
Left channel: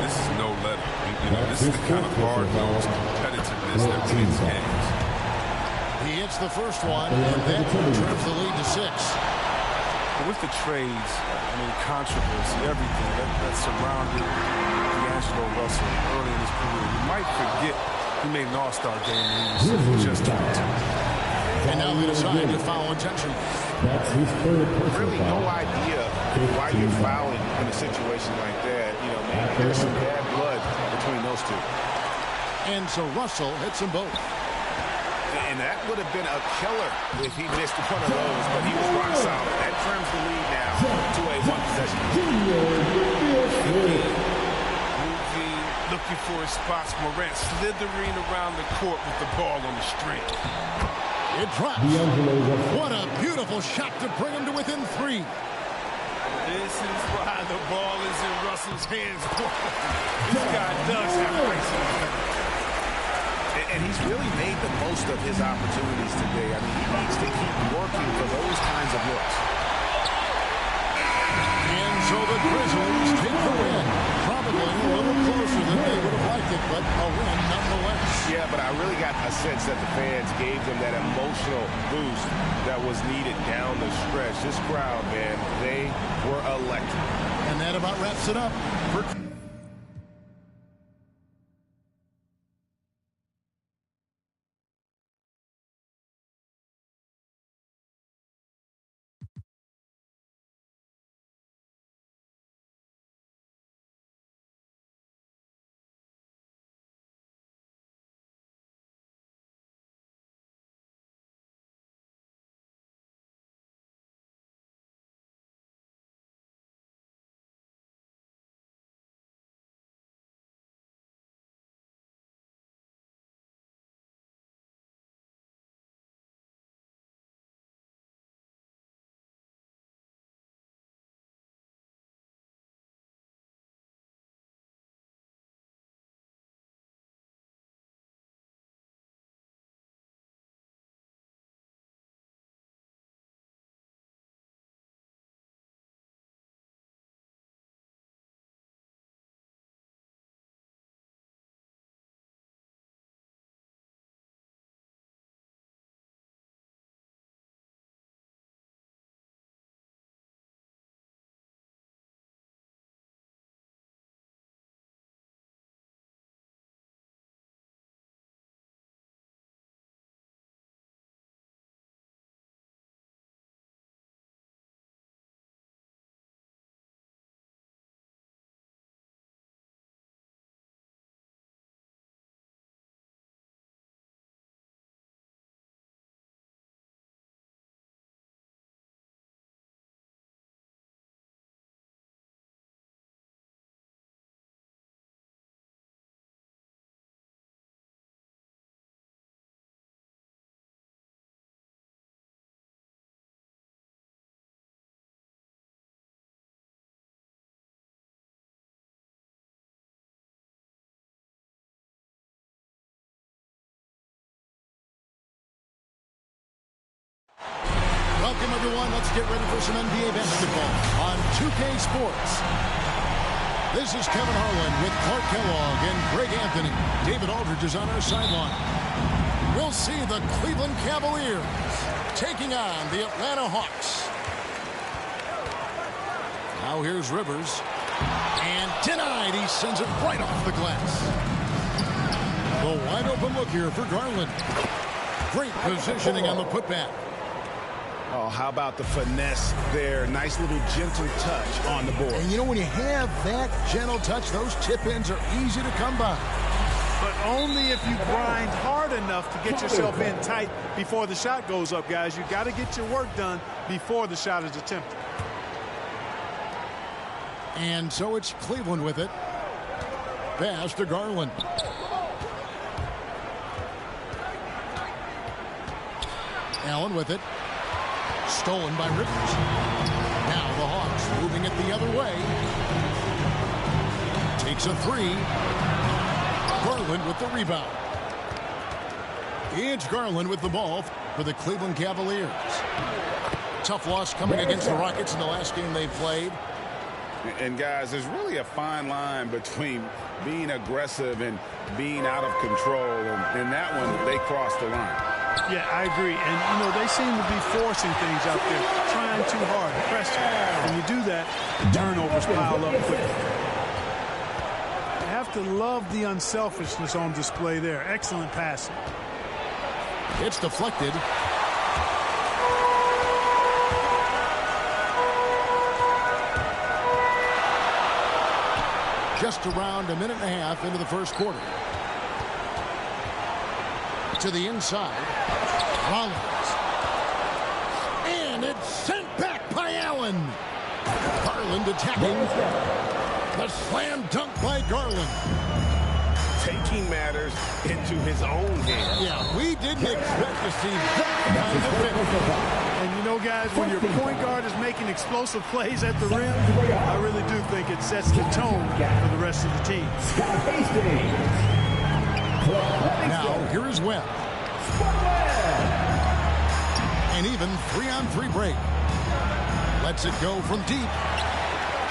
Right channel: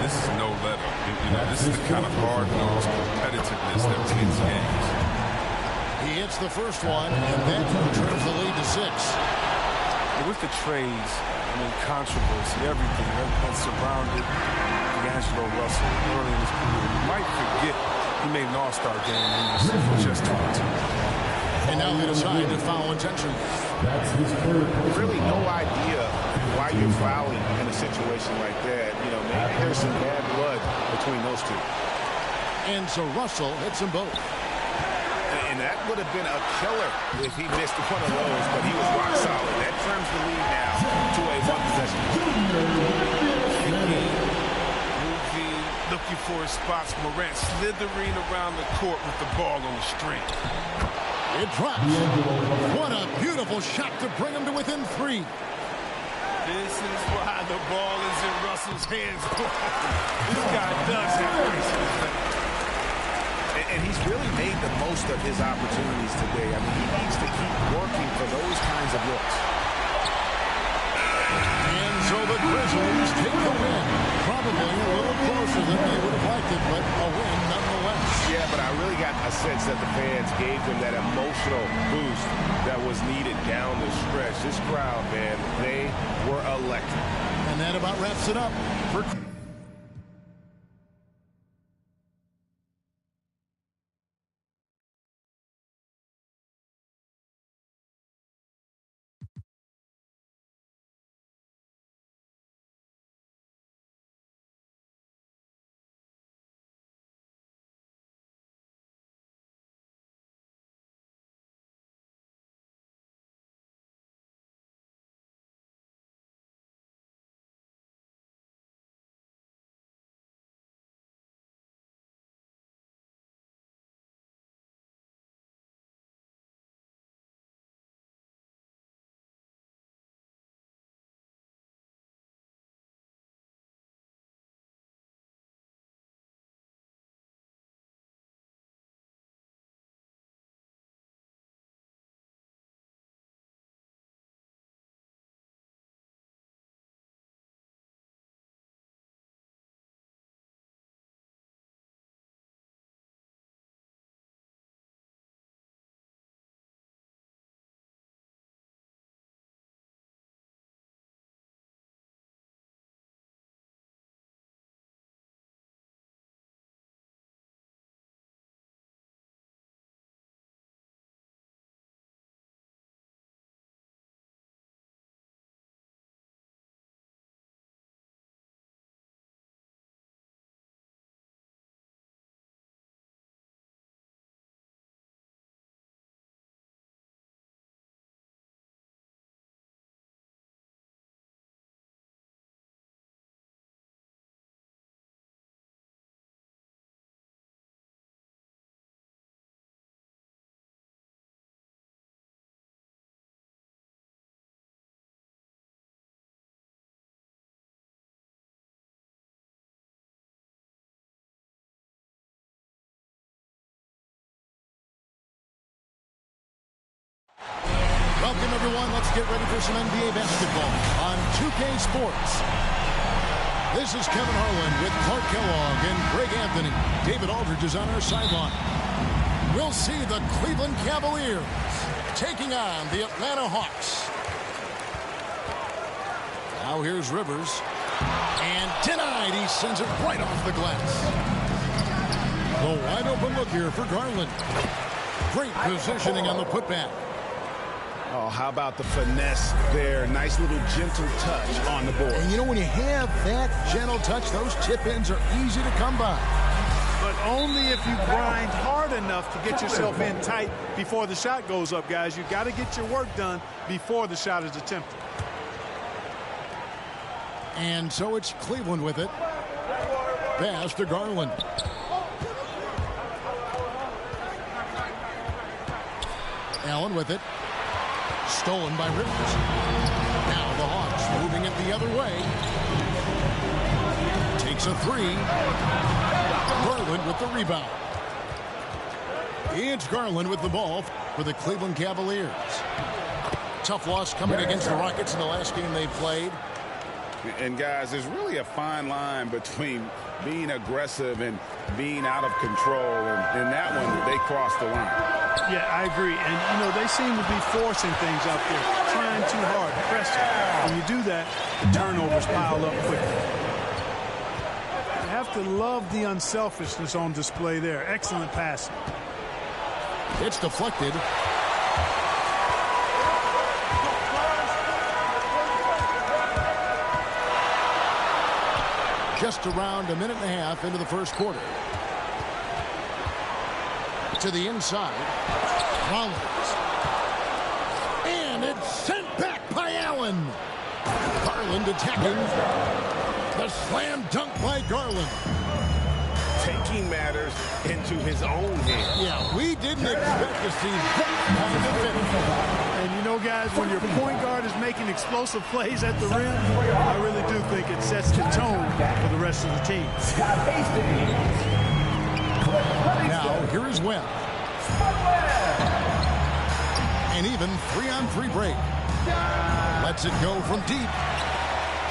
This is no let up. You know, this is the kind of hard-nosed competitiveness that wins games. He hits the first one, and that trims the lead to 6. With the trades, I mean, controversy, everything that surrounded D'Angelo Russell early in his career, you might forget he made an all-star game when he was just 22. And now they decide to foul intentionally. That's his third personal Really no idea why you're fouling in a situation like that. You know, maybe there's some bad blood between those two. And so Russell hits them both. And that would have been a killer if he missed one of those, but he was rock solid. That trims the lead now to a one-possession lead. Moving, looking for his spots. Morant slithering around the court with the ball on the string. It drops. What a beautiful shot to bring him to within 3. This is why the ball is in Russell's hands. This guy does have ice in his veins. And he's really made the most of his opportunities today. I mean, he needs to keep working for those kinds of looks. And So the Grizzlies take the win. Probably a little closer than they would have liked it, but a win nonetheless. Yeah, but I really got a sense that the fans gave them that emotional boost that was needed down the stretch. This crowd, man, they were electric. And that about wraps it up for... Welcome, everyone. Let's get ready for some NBA basketball on 2K Sports. This is Kevin Harlan with Clark Kellogg and Greg Anthony. David Aldridge is on our sideline. We'll see the Cleveland Cavaliers taking on the Atlanta Hawks. Now here's Rivers. And denied. He sends it right off the glass. The wide open look here for Garland. Great positioning on the putback. Oh, how about the finesse there? Nice little gentle touch on the board. And you know, when you have that gentle touch, those chip-ins are easy to come by. But only if you grind hard enough to get yourself in tight before the shot goes up, guys. You got to get your work done before the shot is attempted. And so it's Cleveland with it. Pass to Garland. Allen with it. Stolen by Rivers. Now the Hawks moving it the other way. Takes a three. Garland with the rebound. It's Garland with the ball for the Cleveland Cavaliers. Tough loss coming against the Rockets in the last game they played. And guys, there's really a fine line between being aggressive and being out of control. And in that one, they crossed the line. Yeah, I agree. And, you know, they seem to be forcing things out there, trying too hard, pressing. When you do that, the turnovers pile up quickly. You have to love the unselfishness on display there. Excellent passing. It's deflected. Just around a minute and a half into the first quarter. To the inside. Rollins. And it's sent back by Allen. Garland attacking. The slam dunk by Garland. Taking matters into his own hands. Yeah, we didn't expect to see that kind of finish. And you know, guys, when your point guard is making explosive plays at the rim, I really do think it sets the tone for the rest of the team. Now, here is Webb. An even 3-on-3 break. Lets it go from deep.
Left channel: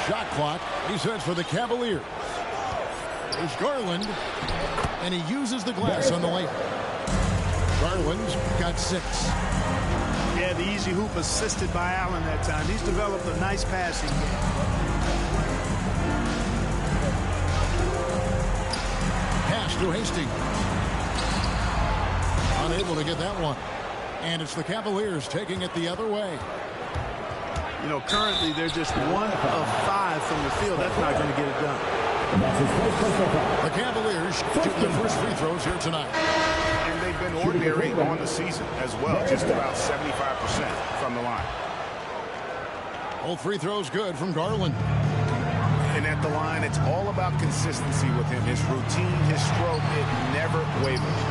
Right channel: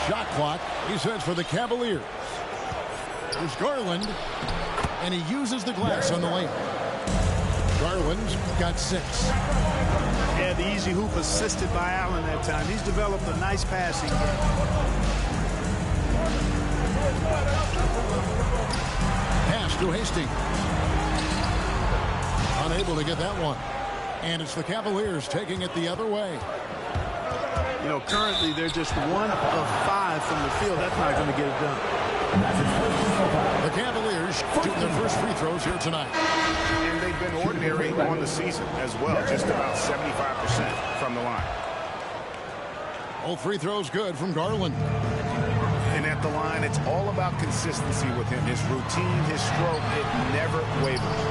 shot clock resets for the Cavaliers. There's Garland, and he uses the glass on the layup. Garland's got 6. Yeah, the easy hoop assisted by Allen that time. He's developed a nice passing game. Pass to Hastings. Unable to get that one. And it's the Cavaliers taking it the other way. You know, currently they're just 1 of 5 from the field. That's not going to get it done. The Cavaliers shooting their first free throws here tonight. And they've been ordinary on the season as well, just about 75% from the line. All free throws good from Garland. And at the line, it's all about consistency with him. His routine, his stroke, it never wavers.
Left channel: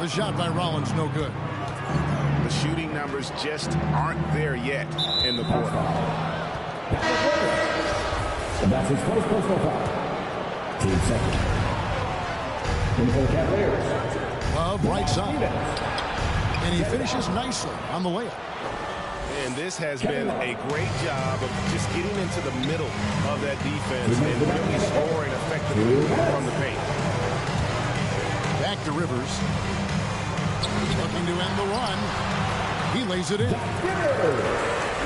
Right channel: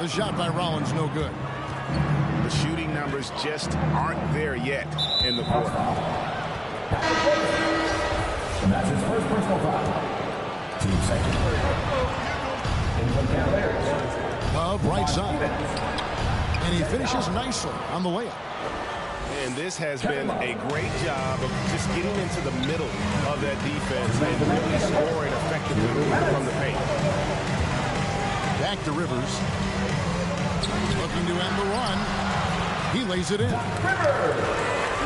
The shot by Rollins, no good. The shooting numbers just aren't there yet in the quarter. And that's his first personal foul. Team second. In for the Cavaliers. Love right side. And he finishes nicely on the layup. And this has been a great job of just getting into the middle of that defense and really scoring effectively from the paint. Back to Rivers. Looking to end the run. He lays it in.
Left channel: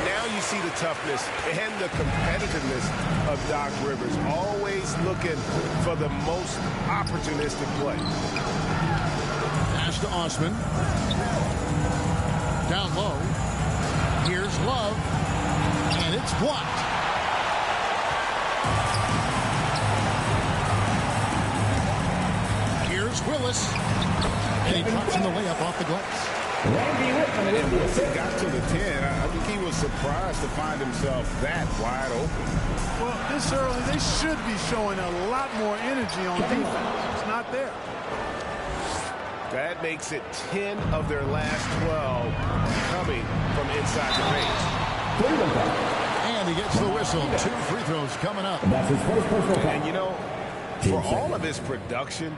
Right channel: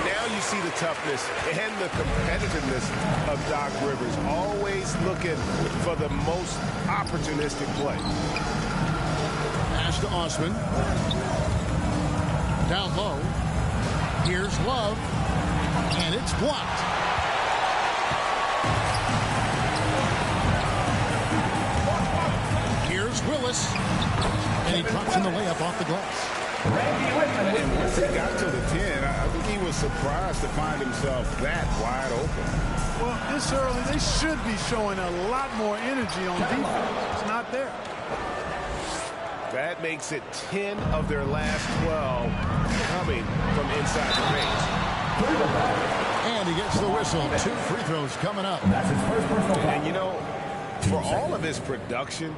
Now you see the toughness and the competitiveness of Doc Rivers, always looking for the most opportunistic play. Pass to Osman. Down low. Here's Love. And it's blocked. Here's Willis. And he drops in the layup off the glass. And once he got to the 10, I think he was surprised to find himself that wide open. Well, this early, they should be showing a lot more energy on defense. It's not there. That makes it 10 of their last 12 coming from inside the paint. And he gets the whistle. 2 free throws coming up. That's his first personal foul. And, you know, for all of his production,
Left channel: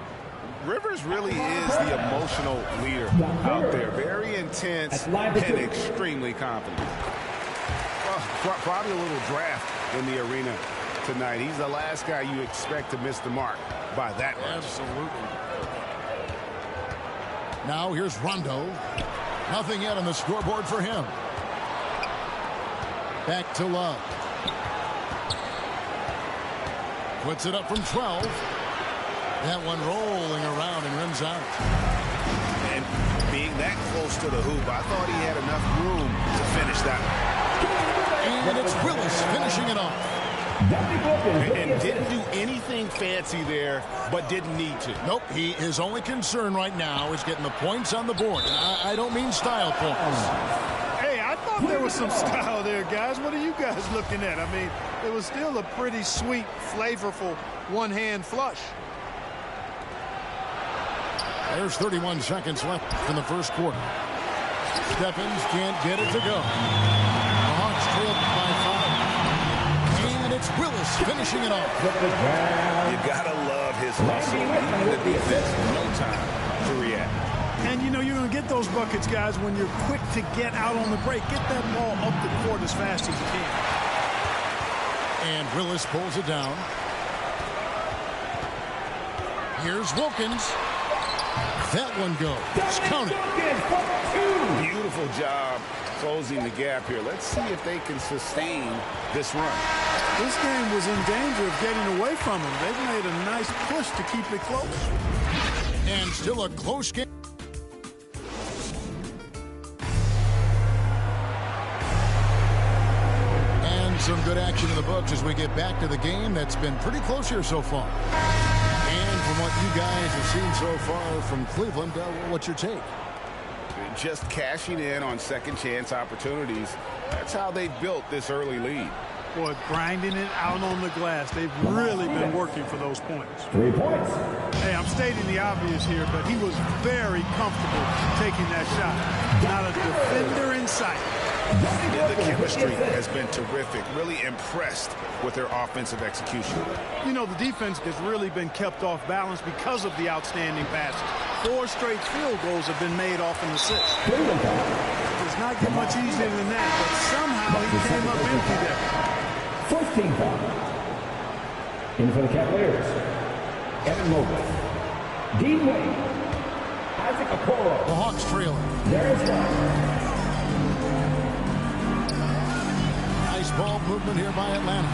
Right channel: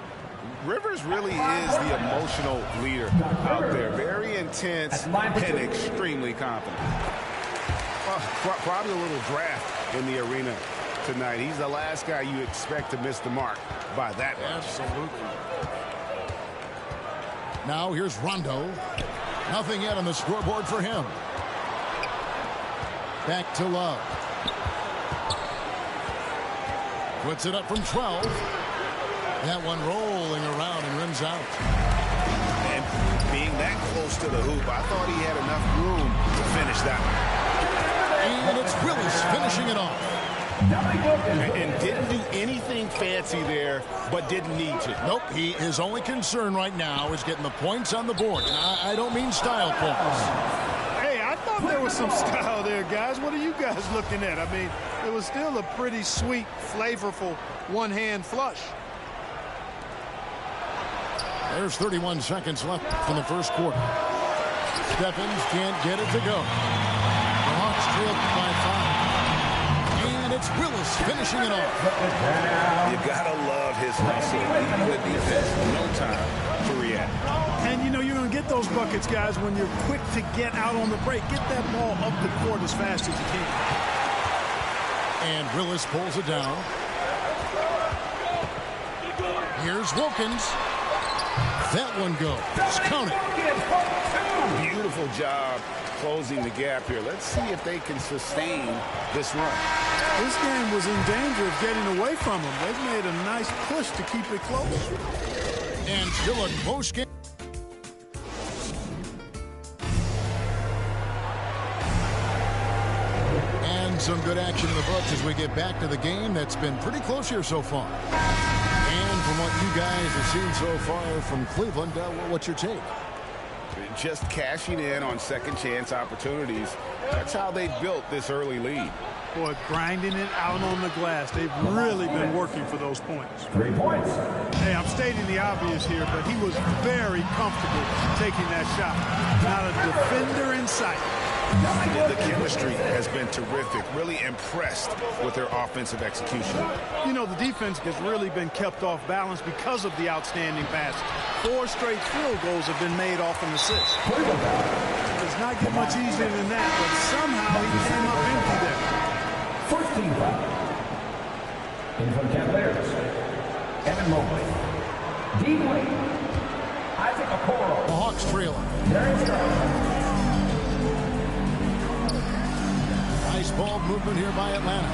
Rivers really is the emotional leader out there. Very intense and extremely confident. Well, probably a little draft in the arena tonight. He's the last guy you expect to miss the mark by that much. Absolutely. Now here's Rondo. Nothing yet on the scoreboard for him. Back to Love. Puts it up from 12. That one rolling around and rims out. And being that close to the hoop, I thought he had enough room to finish that one. And it's Willis finishing it off. And didn't do anything fancy there, but didn't need to. Nope, his only concern right now is getting the points on the board. And I don't mean style points. Hey, I thought there was some style there, guys. What are you guys looking at? I mean, it was still a pretty sweet, flavorful one-hand flush. There's 31 seconds left from the first quarter. Stephens can't get it to go. The Hawks trail by 5. And it's Willis finishing it off. You gotta love his hustle, leaving the defense no time to react. And, you know, you're going to get those buckets, guys, when you're quick to get out on the break. Get that ball up the court as fast as you can. And Willis pulls it down. Here's Wilkins. That one goes. Count it. Beautiful job closing the gap here. Let's see if they can sustain this run. This game was in danger of getting away from them. They've made a nice push to keep it close. And still a close game. And some good action in the books as we get back to the game that's been pretty close here so far. And from what you guys have seen so far from Cleveland, what's your take? Just cashing in on second chance opportunities. That's how they built this early lead. Boy, grinding it out on the glass. They've really been working for those points. 3 points. Hey, I'm stating the obvious here, but he was very comfortable taking that shot. Not a defender in sight. The chemistry has been terrific. Really impressed with their offensive execution. You know, the defense has really been kept off balance because of the outstanding passes. 4 straight field goals have been made off an assist. It does not get much easier than that, but somehow he came up empty there. First team foul. In for the Cavaliers, Evan Mobley, Dean Wade, Isaac Okoro. The Hawks trailing. Darius Garland. Nice ball movement here by Atlanta.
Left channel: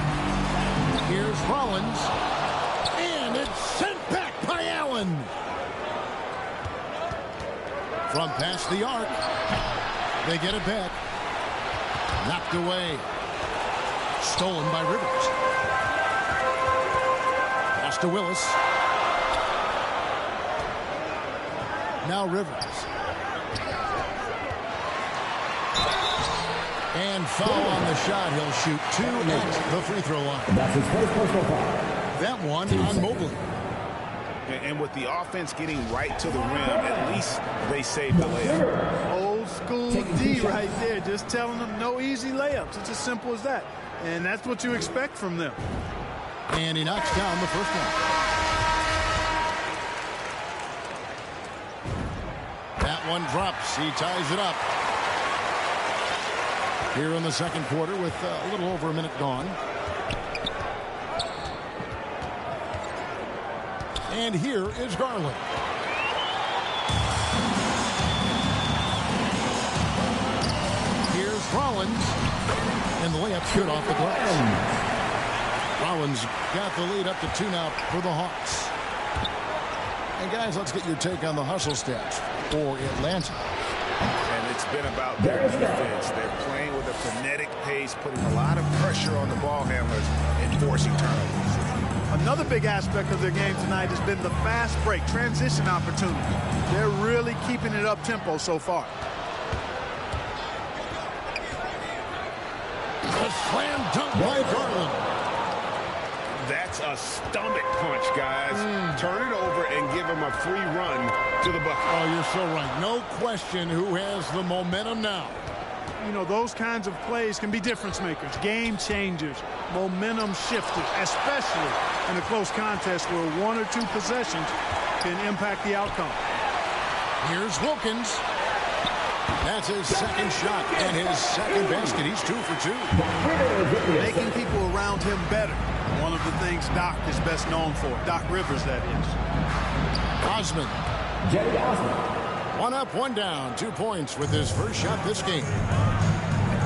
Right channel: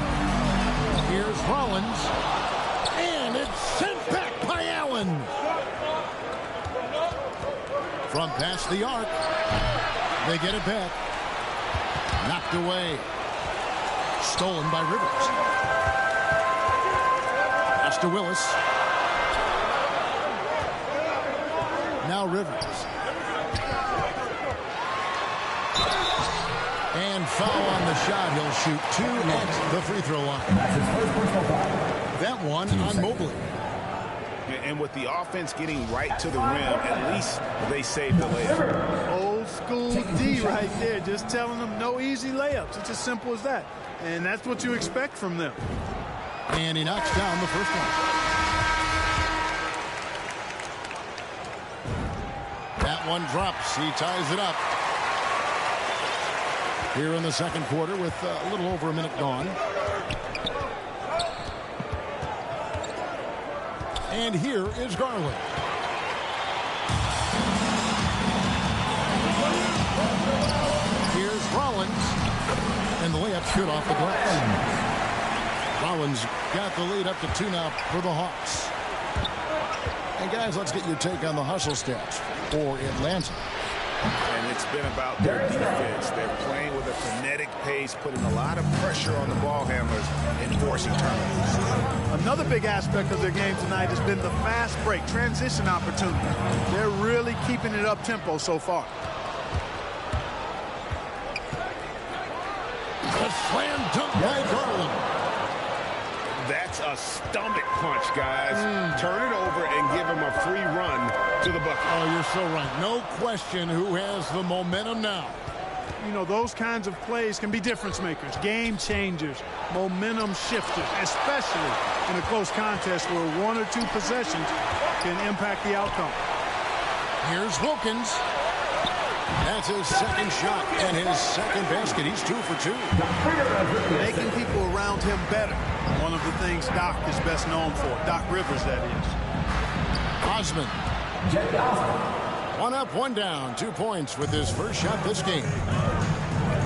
Here's Rollins. And it's sent back by Allen. From past the arc. They get it back. Knocked away. Stolen by Rivers. Pass to Willis. Now Rivers. And foul on the shot. He'll shoot 2 at the free throw line. That's his first personal foul. That one on Mobley. And with the offense getting right to the rim, at least they saved the layup. Old school D right there, just telling them no easy layups. It's as simple as that. And that's what you expect from them. And he knocks down the first one. That one drops. He ties it up. Here in the second quarter with a little over a minute gone. And here is Garland. Here's Rollins. And the layup's good off the glass. Rollins got the lead up to 2 now for the Hawks. And guys, let's get your take on the hustle stats for Atlanta. And it's been about their defense. They're playing with a frenetic pace, putting a lot of pressure on the ball handlers and forcing turnovers. Another big aspect of their game tonight has been the fast break, transition opportunity. They're really keeping it up tempo so far. A slam dunk by Garland. That's a stomach punch, guys. Turn it over and give him a free run to the bucket. Oh, you're so right. No question who has the momentum now. You know, those kinds of plays can be difference makers, game changers, momentum shifters, especially in a close contest where 1 or 2 possessions can impact the outcome. Here's Wilkins. That's his second shot and his second basket. He's 2 for 2. Making people around him better. One of the things Doc is best known for. Doc Rivers, that is. Osman. Jetty Osman. 1 up, 1 down. 2 points with his first shot this game.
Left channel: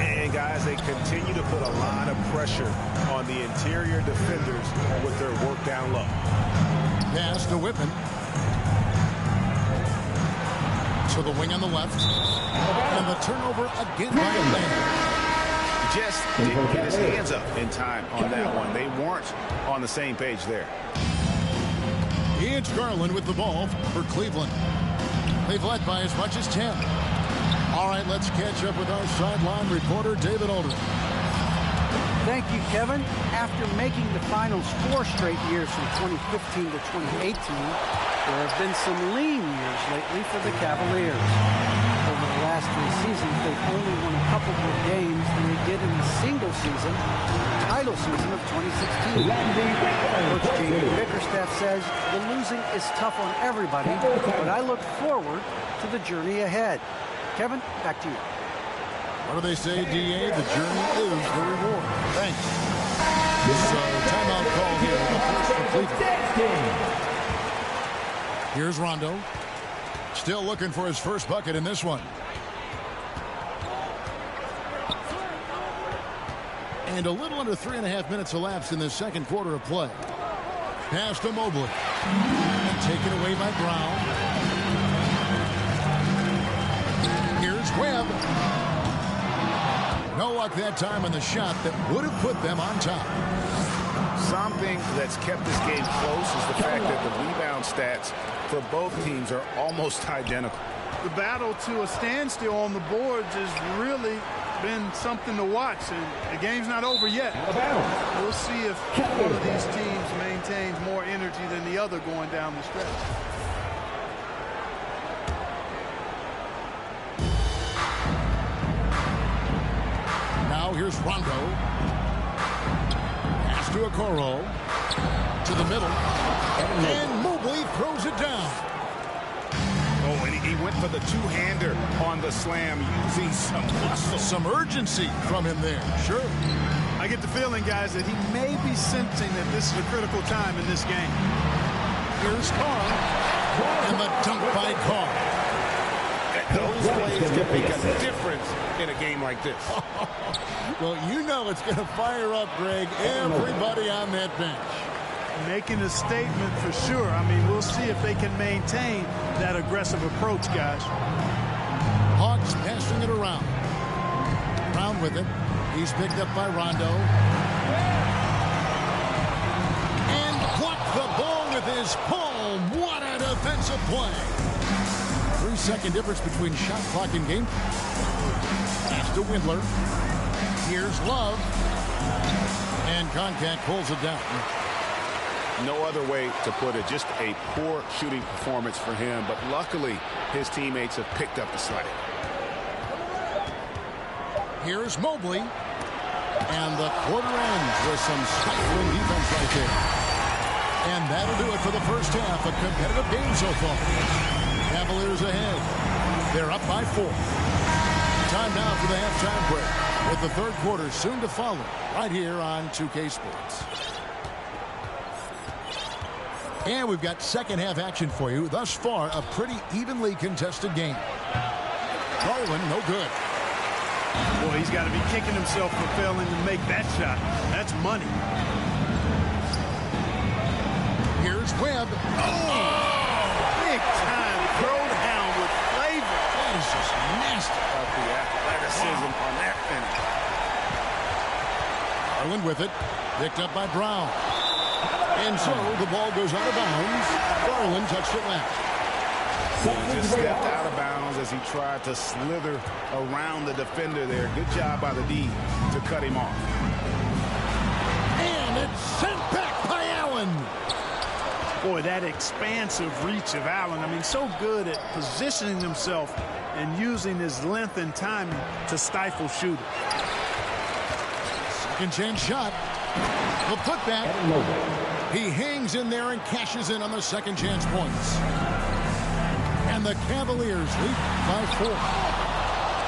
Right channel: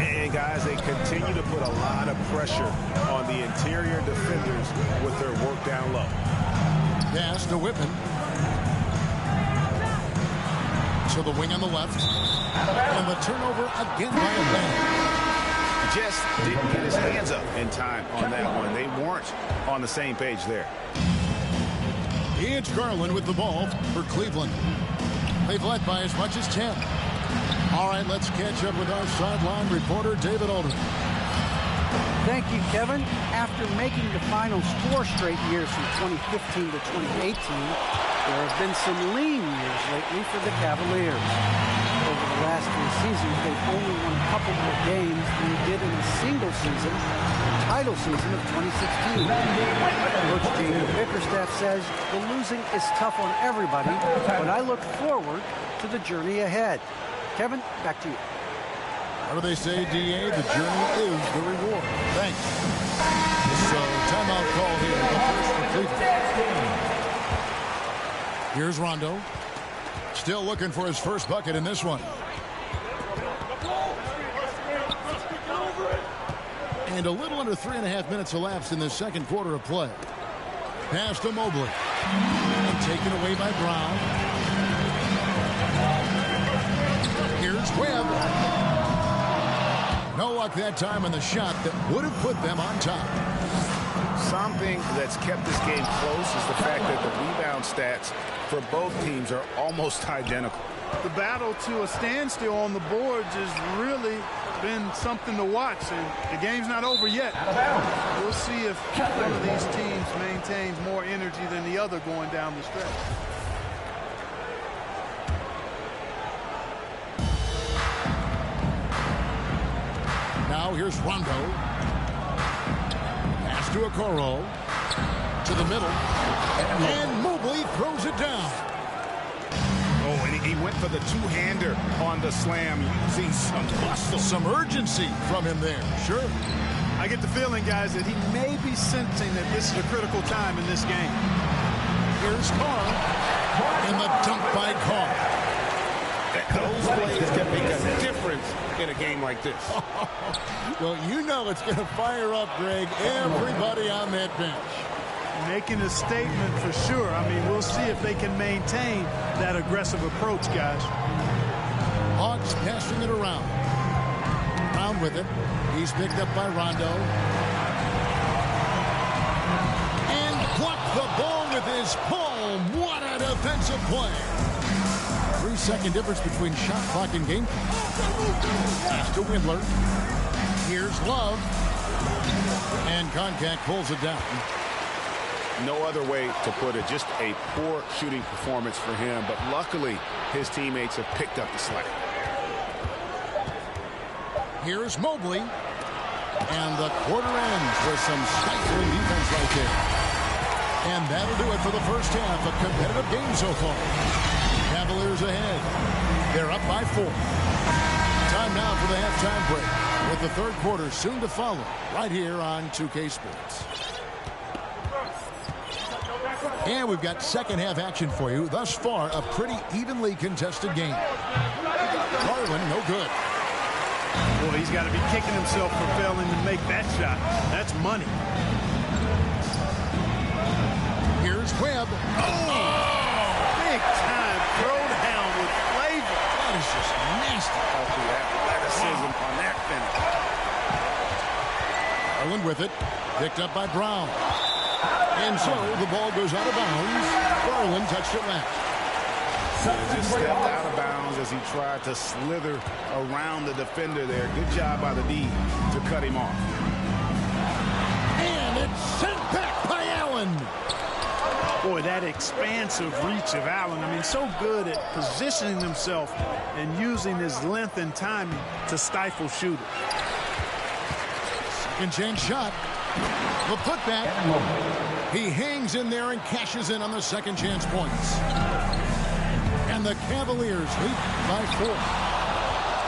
And guys, they continue to put a lot of pressure on the interior defenders with their work down low. Pass to Whitman. To the wing on the left. And the turnover again by Atlanta. Just didn't get his hands up in time on that one. They weren't on the same page there. It's Garland with the ball for Cleveland. They've led by as much as 10. All right, let's catch up with our sideline reporter, David Aldridge. Thank you, Kevin. After making the finals 4 straight years from 2015 to 2018, there have been some lean years lately for the Cavaliers. Over the last 3 seasons, they've only won a couple more games than they did in a single season, the title season of 2016. Coach Jamie Bickerstaff says the losing is tough on everybody, but I look forward to the journey ahead. Kevin, back to you. What do they say, DA? The journey is the reward. Thanks. So, timeout call here. The first for Cleveland. Here's Rondo. Still looking for his first bucket in this one. And a little under 3.5 minutes elapsed in the second quarter of play. Pass to Mobley. And taken away by Brown. Here's Webb. No luck that time on the shot that would have put them on top. Something that's kept this game close is the fact that the rebound stats for both teams are almost identical. The battle to a standstill on the boards has really been something to watch, and the game's not over yet. We'll see if one of these teams maintains more energy than the other going down the stretch. Now here's Rondo. Pass to Okoro. To the middle. And Mobley throws it down. Oh, and he went for the two-hander on the slam using some muscle. Some urgency from him there. Sure. I get the feeling, guys, that he may be sensing that this is a critical time in this game. Here's Carr, and the dunk by Carr. Those plays can make a difference in a game like this. Well, you know it's going to fire up, Greg, everybody on that bench. Making a statement for sure. I mean, we'll see if they can maintain that aggressive approach, guys. Hawks passing it around. Brown with it. He's picked up by Rondo. And blocked the ball with his palm. What a defensive play. 3-second difference between shot clock and game. Pass to Windler. Here's Love. And contact pulls it down. No other way to put it. Just a poor shooting performance for him. But luckily, his teammates have picked up the slack. Here's Mobley. And the quarter ends with some stifling defense right there. And that'll do it for the first half. A competitive game so far. Cavaliers ahead. They're up by 4. Time now for the halftime break, with the third quarter soon to follow right here on 2K Sports. And we've got second half action for you. Thus far, a pretty evenly contested game. Garland, no good. Boy, he's got to be kicking himself for failing to make that shot. That's money. Here's Webb. Big time throwdown with flavor. That is just nasty. The athleticism on that finish. Garland with it. Picked up by Brown. And so the ball goes out of bounds. Garland touched it last. Yeah, just stepped out of bounds as he tried to slither around the defender there. Good job by the D to cut him off. And it's sent back by Allen. Boy, that expansive reach of Allen. I mean, so good at positioning himself and using his length and timing to stifle shooters. Second chance shot. The putback. He hangs in there and cashes in on the second chance points. And the Cavaliers lead by 4.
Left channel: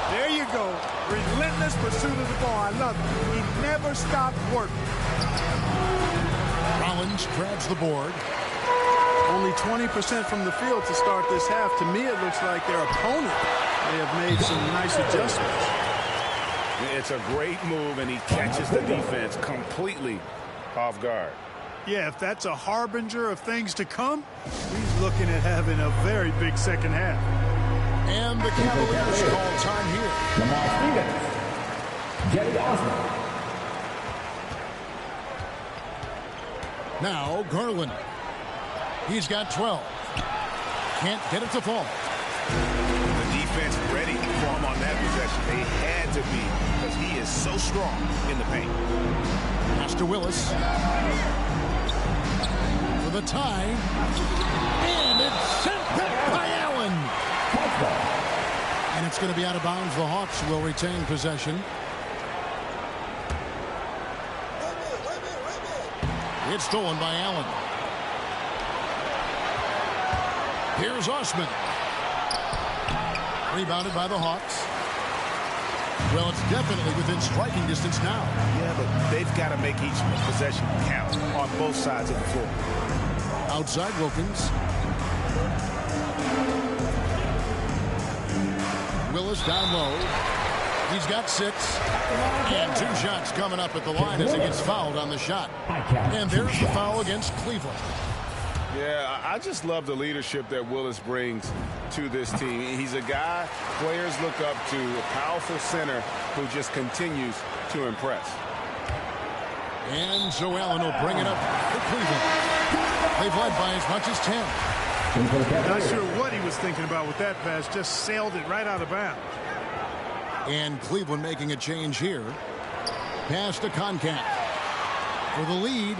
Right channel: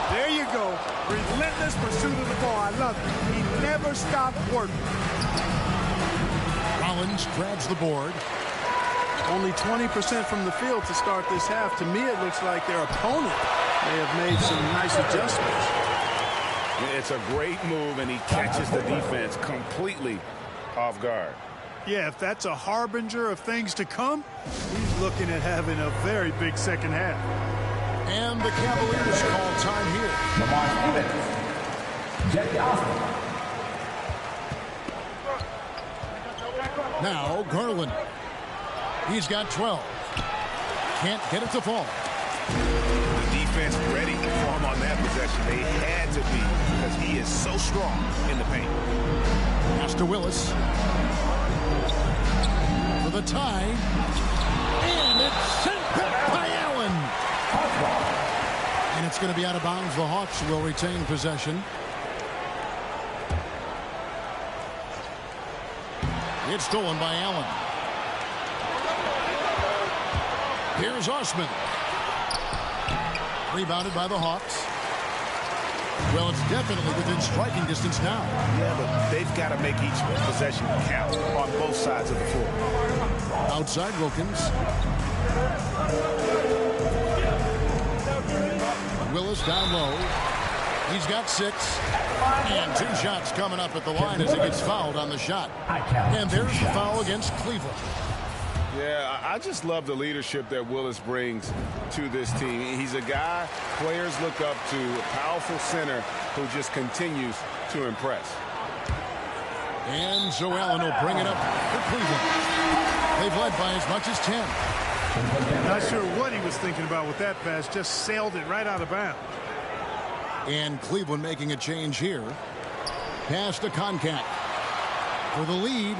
There you go. Relentless pursuit of the ball. I love it. He never stopped working. Rollins grabs the board. Only 20% from the field to start this half. To me, it looks like their opponent may have made some nice adjustments. It's a great move, and he catches the defense completely off guard. Yeah, if that's a harbinger of things to come, he's looking at having a very big second half. And the Cavaliers call time here. Lamar Stevens. Jetty Osmond. Now Garland. He's got 12. Can't get it to fall. The defense ready for him on that possession. They had to be, because he is so strong in the paint. Pass to Willis. For the tie. And it's sent back by Allen. And it's going to be out of bounds. The Hawks will retain possession. It's stolen by Allen. Here's Osman. Rebounded by the Hawks. Well, it's definitely within striking distance now. Yeah, but they've got to make each possession count on both sides of the floor. Outside Wilkins. Willis down low. He's got 6. And 2 shots coming up at the line as he gets fouled on the shot. And there's the foul against Cleveland. Yeah, I just love the leadership that Willis brings to this team. He's a guy players look up to, a powerful center who just continues to impress. And so Allen will bring it up for Cleveland. They've led by as much as 10. Not sure what he was thinking about with that pass. Just sailed it right out of bounds. And Cleveland making a change here. Pass to Concat. For the lead.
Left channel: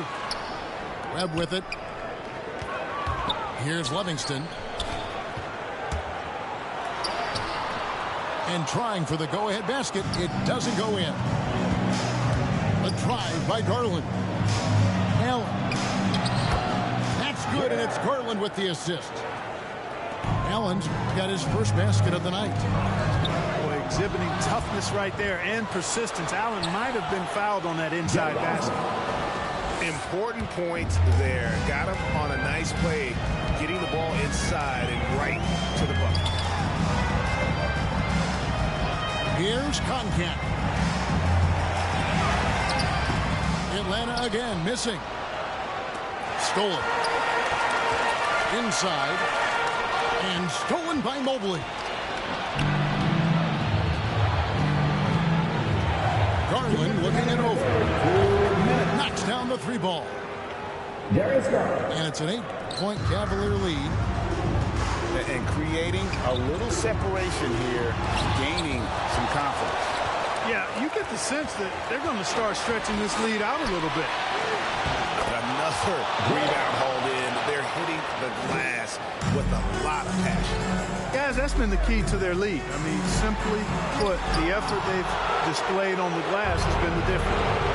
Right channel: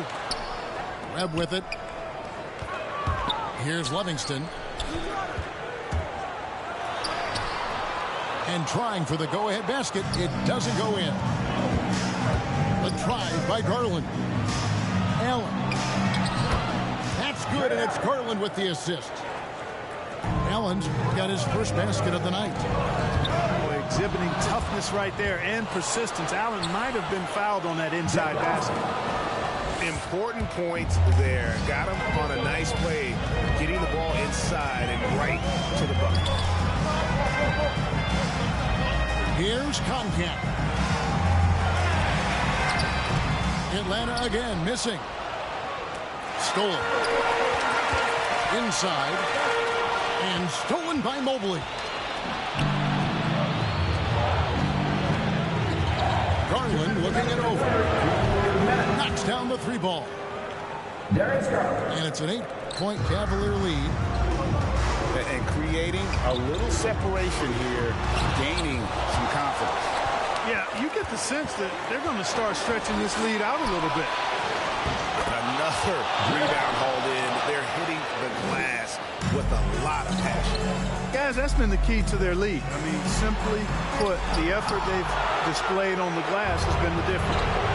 Webb with it. Here's Livingston. And trying for the go-ahead basket. It doesn't go in. The drive by Garland. Allen. That's good, and it's Garland with the assist. Allen's got his first basket of the night. Boy, exhibiting toughness right there and persistence. Allen might have been fouled on that inside basket. Important points there. Got him on a nice play, getting the ball inside and right to the bucket. Here's Concat. Atlanta again missing. Stolen. Inside. And stolen by Mobley. Garland looking it over. Knocks down the 3 ball. And it's an 8-point Cavalier lead. And creating a little separation here, gaining some confidence. Yeah, you get the sense that they're going to start stretching this lead out a little bit. Another rebound hauled in. They're hitting the glass with a lot of passion. Guys, that's been the key to their lead. I mean, simply put, the effort they've displayed on the glass has been the difference.